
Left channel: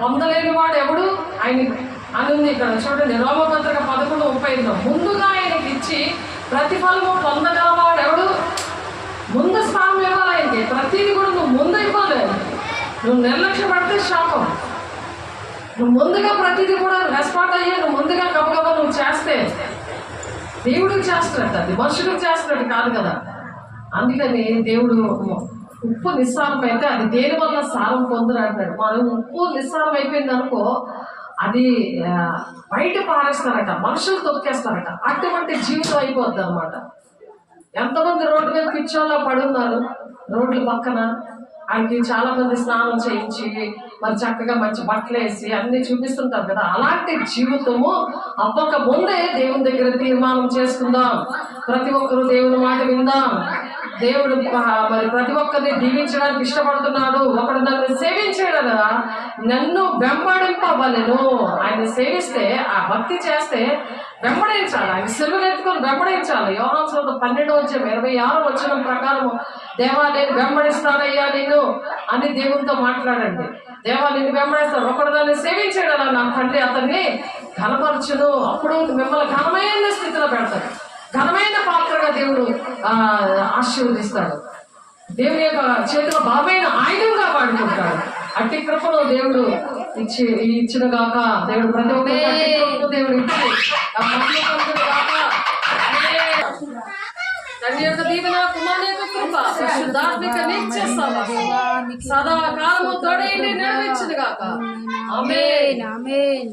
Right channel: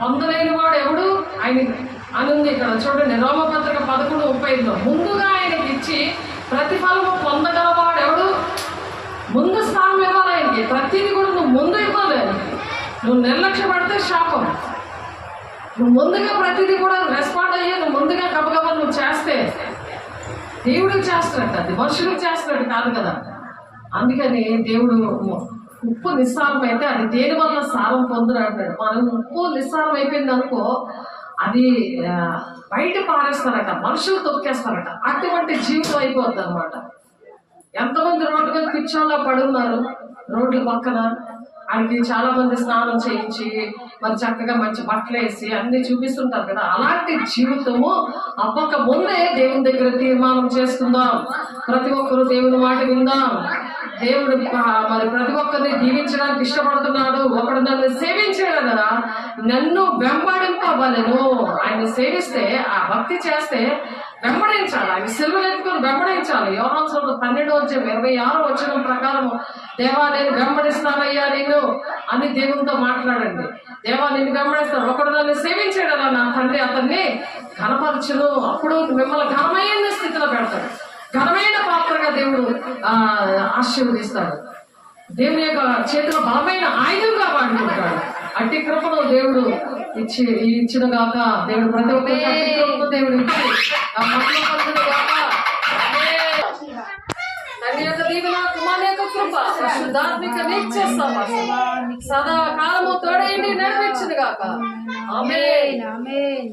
పొందలేని వాడు ఎవడు ఆయన అని ఉంది ఇక్కడ చూడండి. రోమపత్రిక 11:35లో, ముందుగా ఆయనకి ఇచ్చి ప్రతిఫలము పొందగలవాడు ఎవడు? ముందు స్థానం ఇవ్వాలి ఆయనకి. ప్రతిదీ కూడా నువ్వు ముందు ఇవ్వాలి. నువ్వు నిర్లక్ష్య పడితే శాపం. నువ్వు ముందుగా ప్రతిదీ కూడా రెస్పాండ్ అయ్యి నువ్వు ముందుగా గబగబా నువ్వు చేస్తే దేవుడికి చేస్తున్నట్టు, అది మనుషులకు చేస్తున్నట్టు కాదు కదా. అందుకని దేవుడు ఉప్పు నిస్సారం అయితే అది దేని వల్ల సారం పొందురు అంటాడు. మనం ఉప్పు నిస్సారం అయిపోయింది అనుకో, అది బయట పారేస్తారట, మనుషులు తొక్కేస్తారట. అటువంటి జీవితం అయిపోద్ది అనమాట. ఎంతమంది రోడ్డు మీద పిచ్చోళ్ళ పడి ఉన్నారు, రోడ్ల పక్కన. ఆయనకి చాలా మంది స్నానం చేయించి మరి చక్కగా మంచి బట్టలు వేసి అన్ని చూపిస్తుంటారు కదా. అలాంటి జీవితము అవ్వక ముందే దేవుని దగ్గర తీర్మానం చేసుకుందాం. ప్రతి ఒక్కరు దేవుని మాట విందాం. దేవుడు మరి ప్రతి ఒక్కరిని దీవించడానికి ఇష్టపడుతున్నాడు. ఒకడు నన్ను సేవించాడు కదా, నన్ను వెంబడింపవలెను. ఆయన సేవిస్తే, ఆ భక్తి చేస్తే వెంబడించాలి. ఆయన సిలువను ఎత్తుకొని వెంబడించాలి. యోహాను సువార్త 12:26 ప్రకారం, దేవా నేను వెంబడిస్తానయ్యా నిన్ను అని దేవునితో మాట్లాడండి. దేవా నిన్ను వెంబడిస్తాను. ఒకడు నన్ను సేవించాడు అలా, నా తండ్రి అతన్ని ఘనపరచును. అప్పుడు మిమ్మల్ని ఘనమైన స్థితిలో పెడతాడు, ఘనమైన పాత్రగా దేవుడు ఆశీర్వదిస్తాడు. దేవుని యొక్క చేతిలో బలమైన ఆయుధంగా వాడుకుంటాడు. అట్టి కృపను దేవుడు ఇచ్చిన గాక. దేవుడు ప్రతి ఒక్కరు దేవుడు తండ్రి యొక్క దీవెన, కుమారుని యొక్క కృప, పరిశుద్ధాత్మిక నిత్య సదాకాలము తోడైండి నడిపించును గాక. ఆమేన్.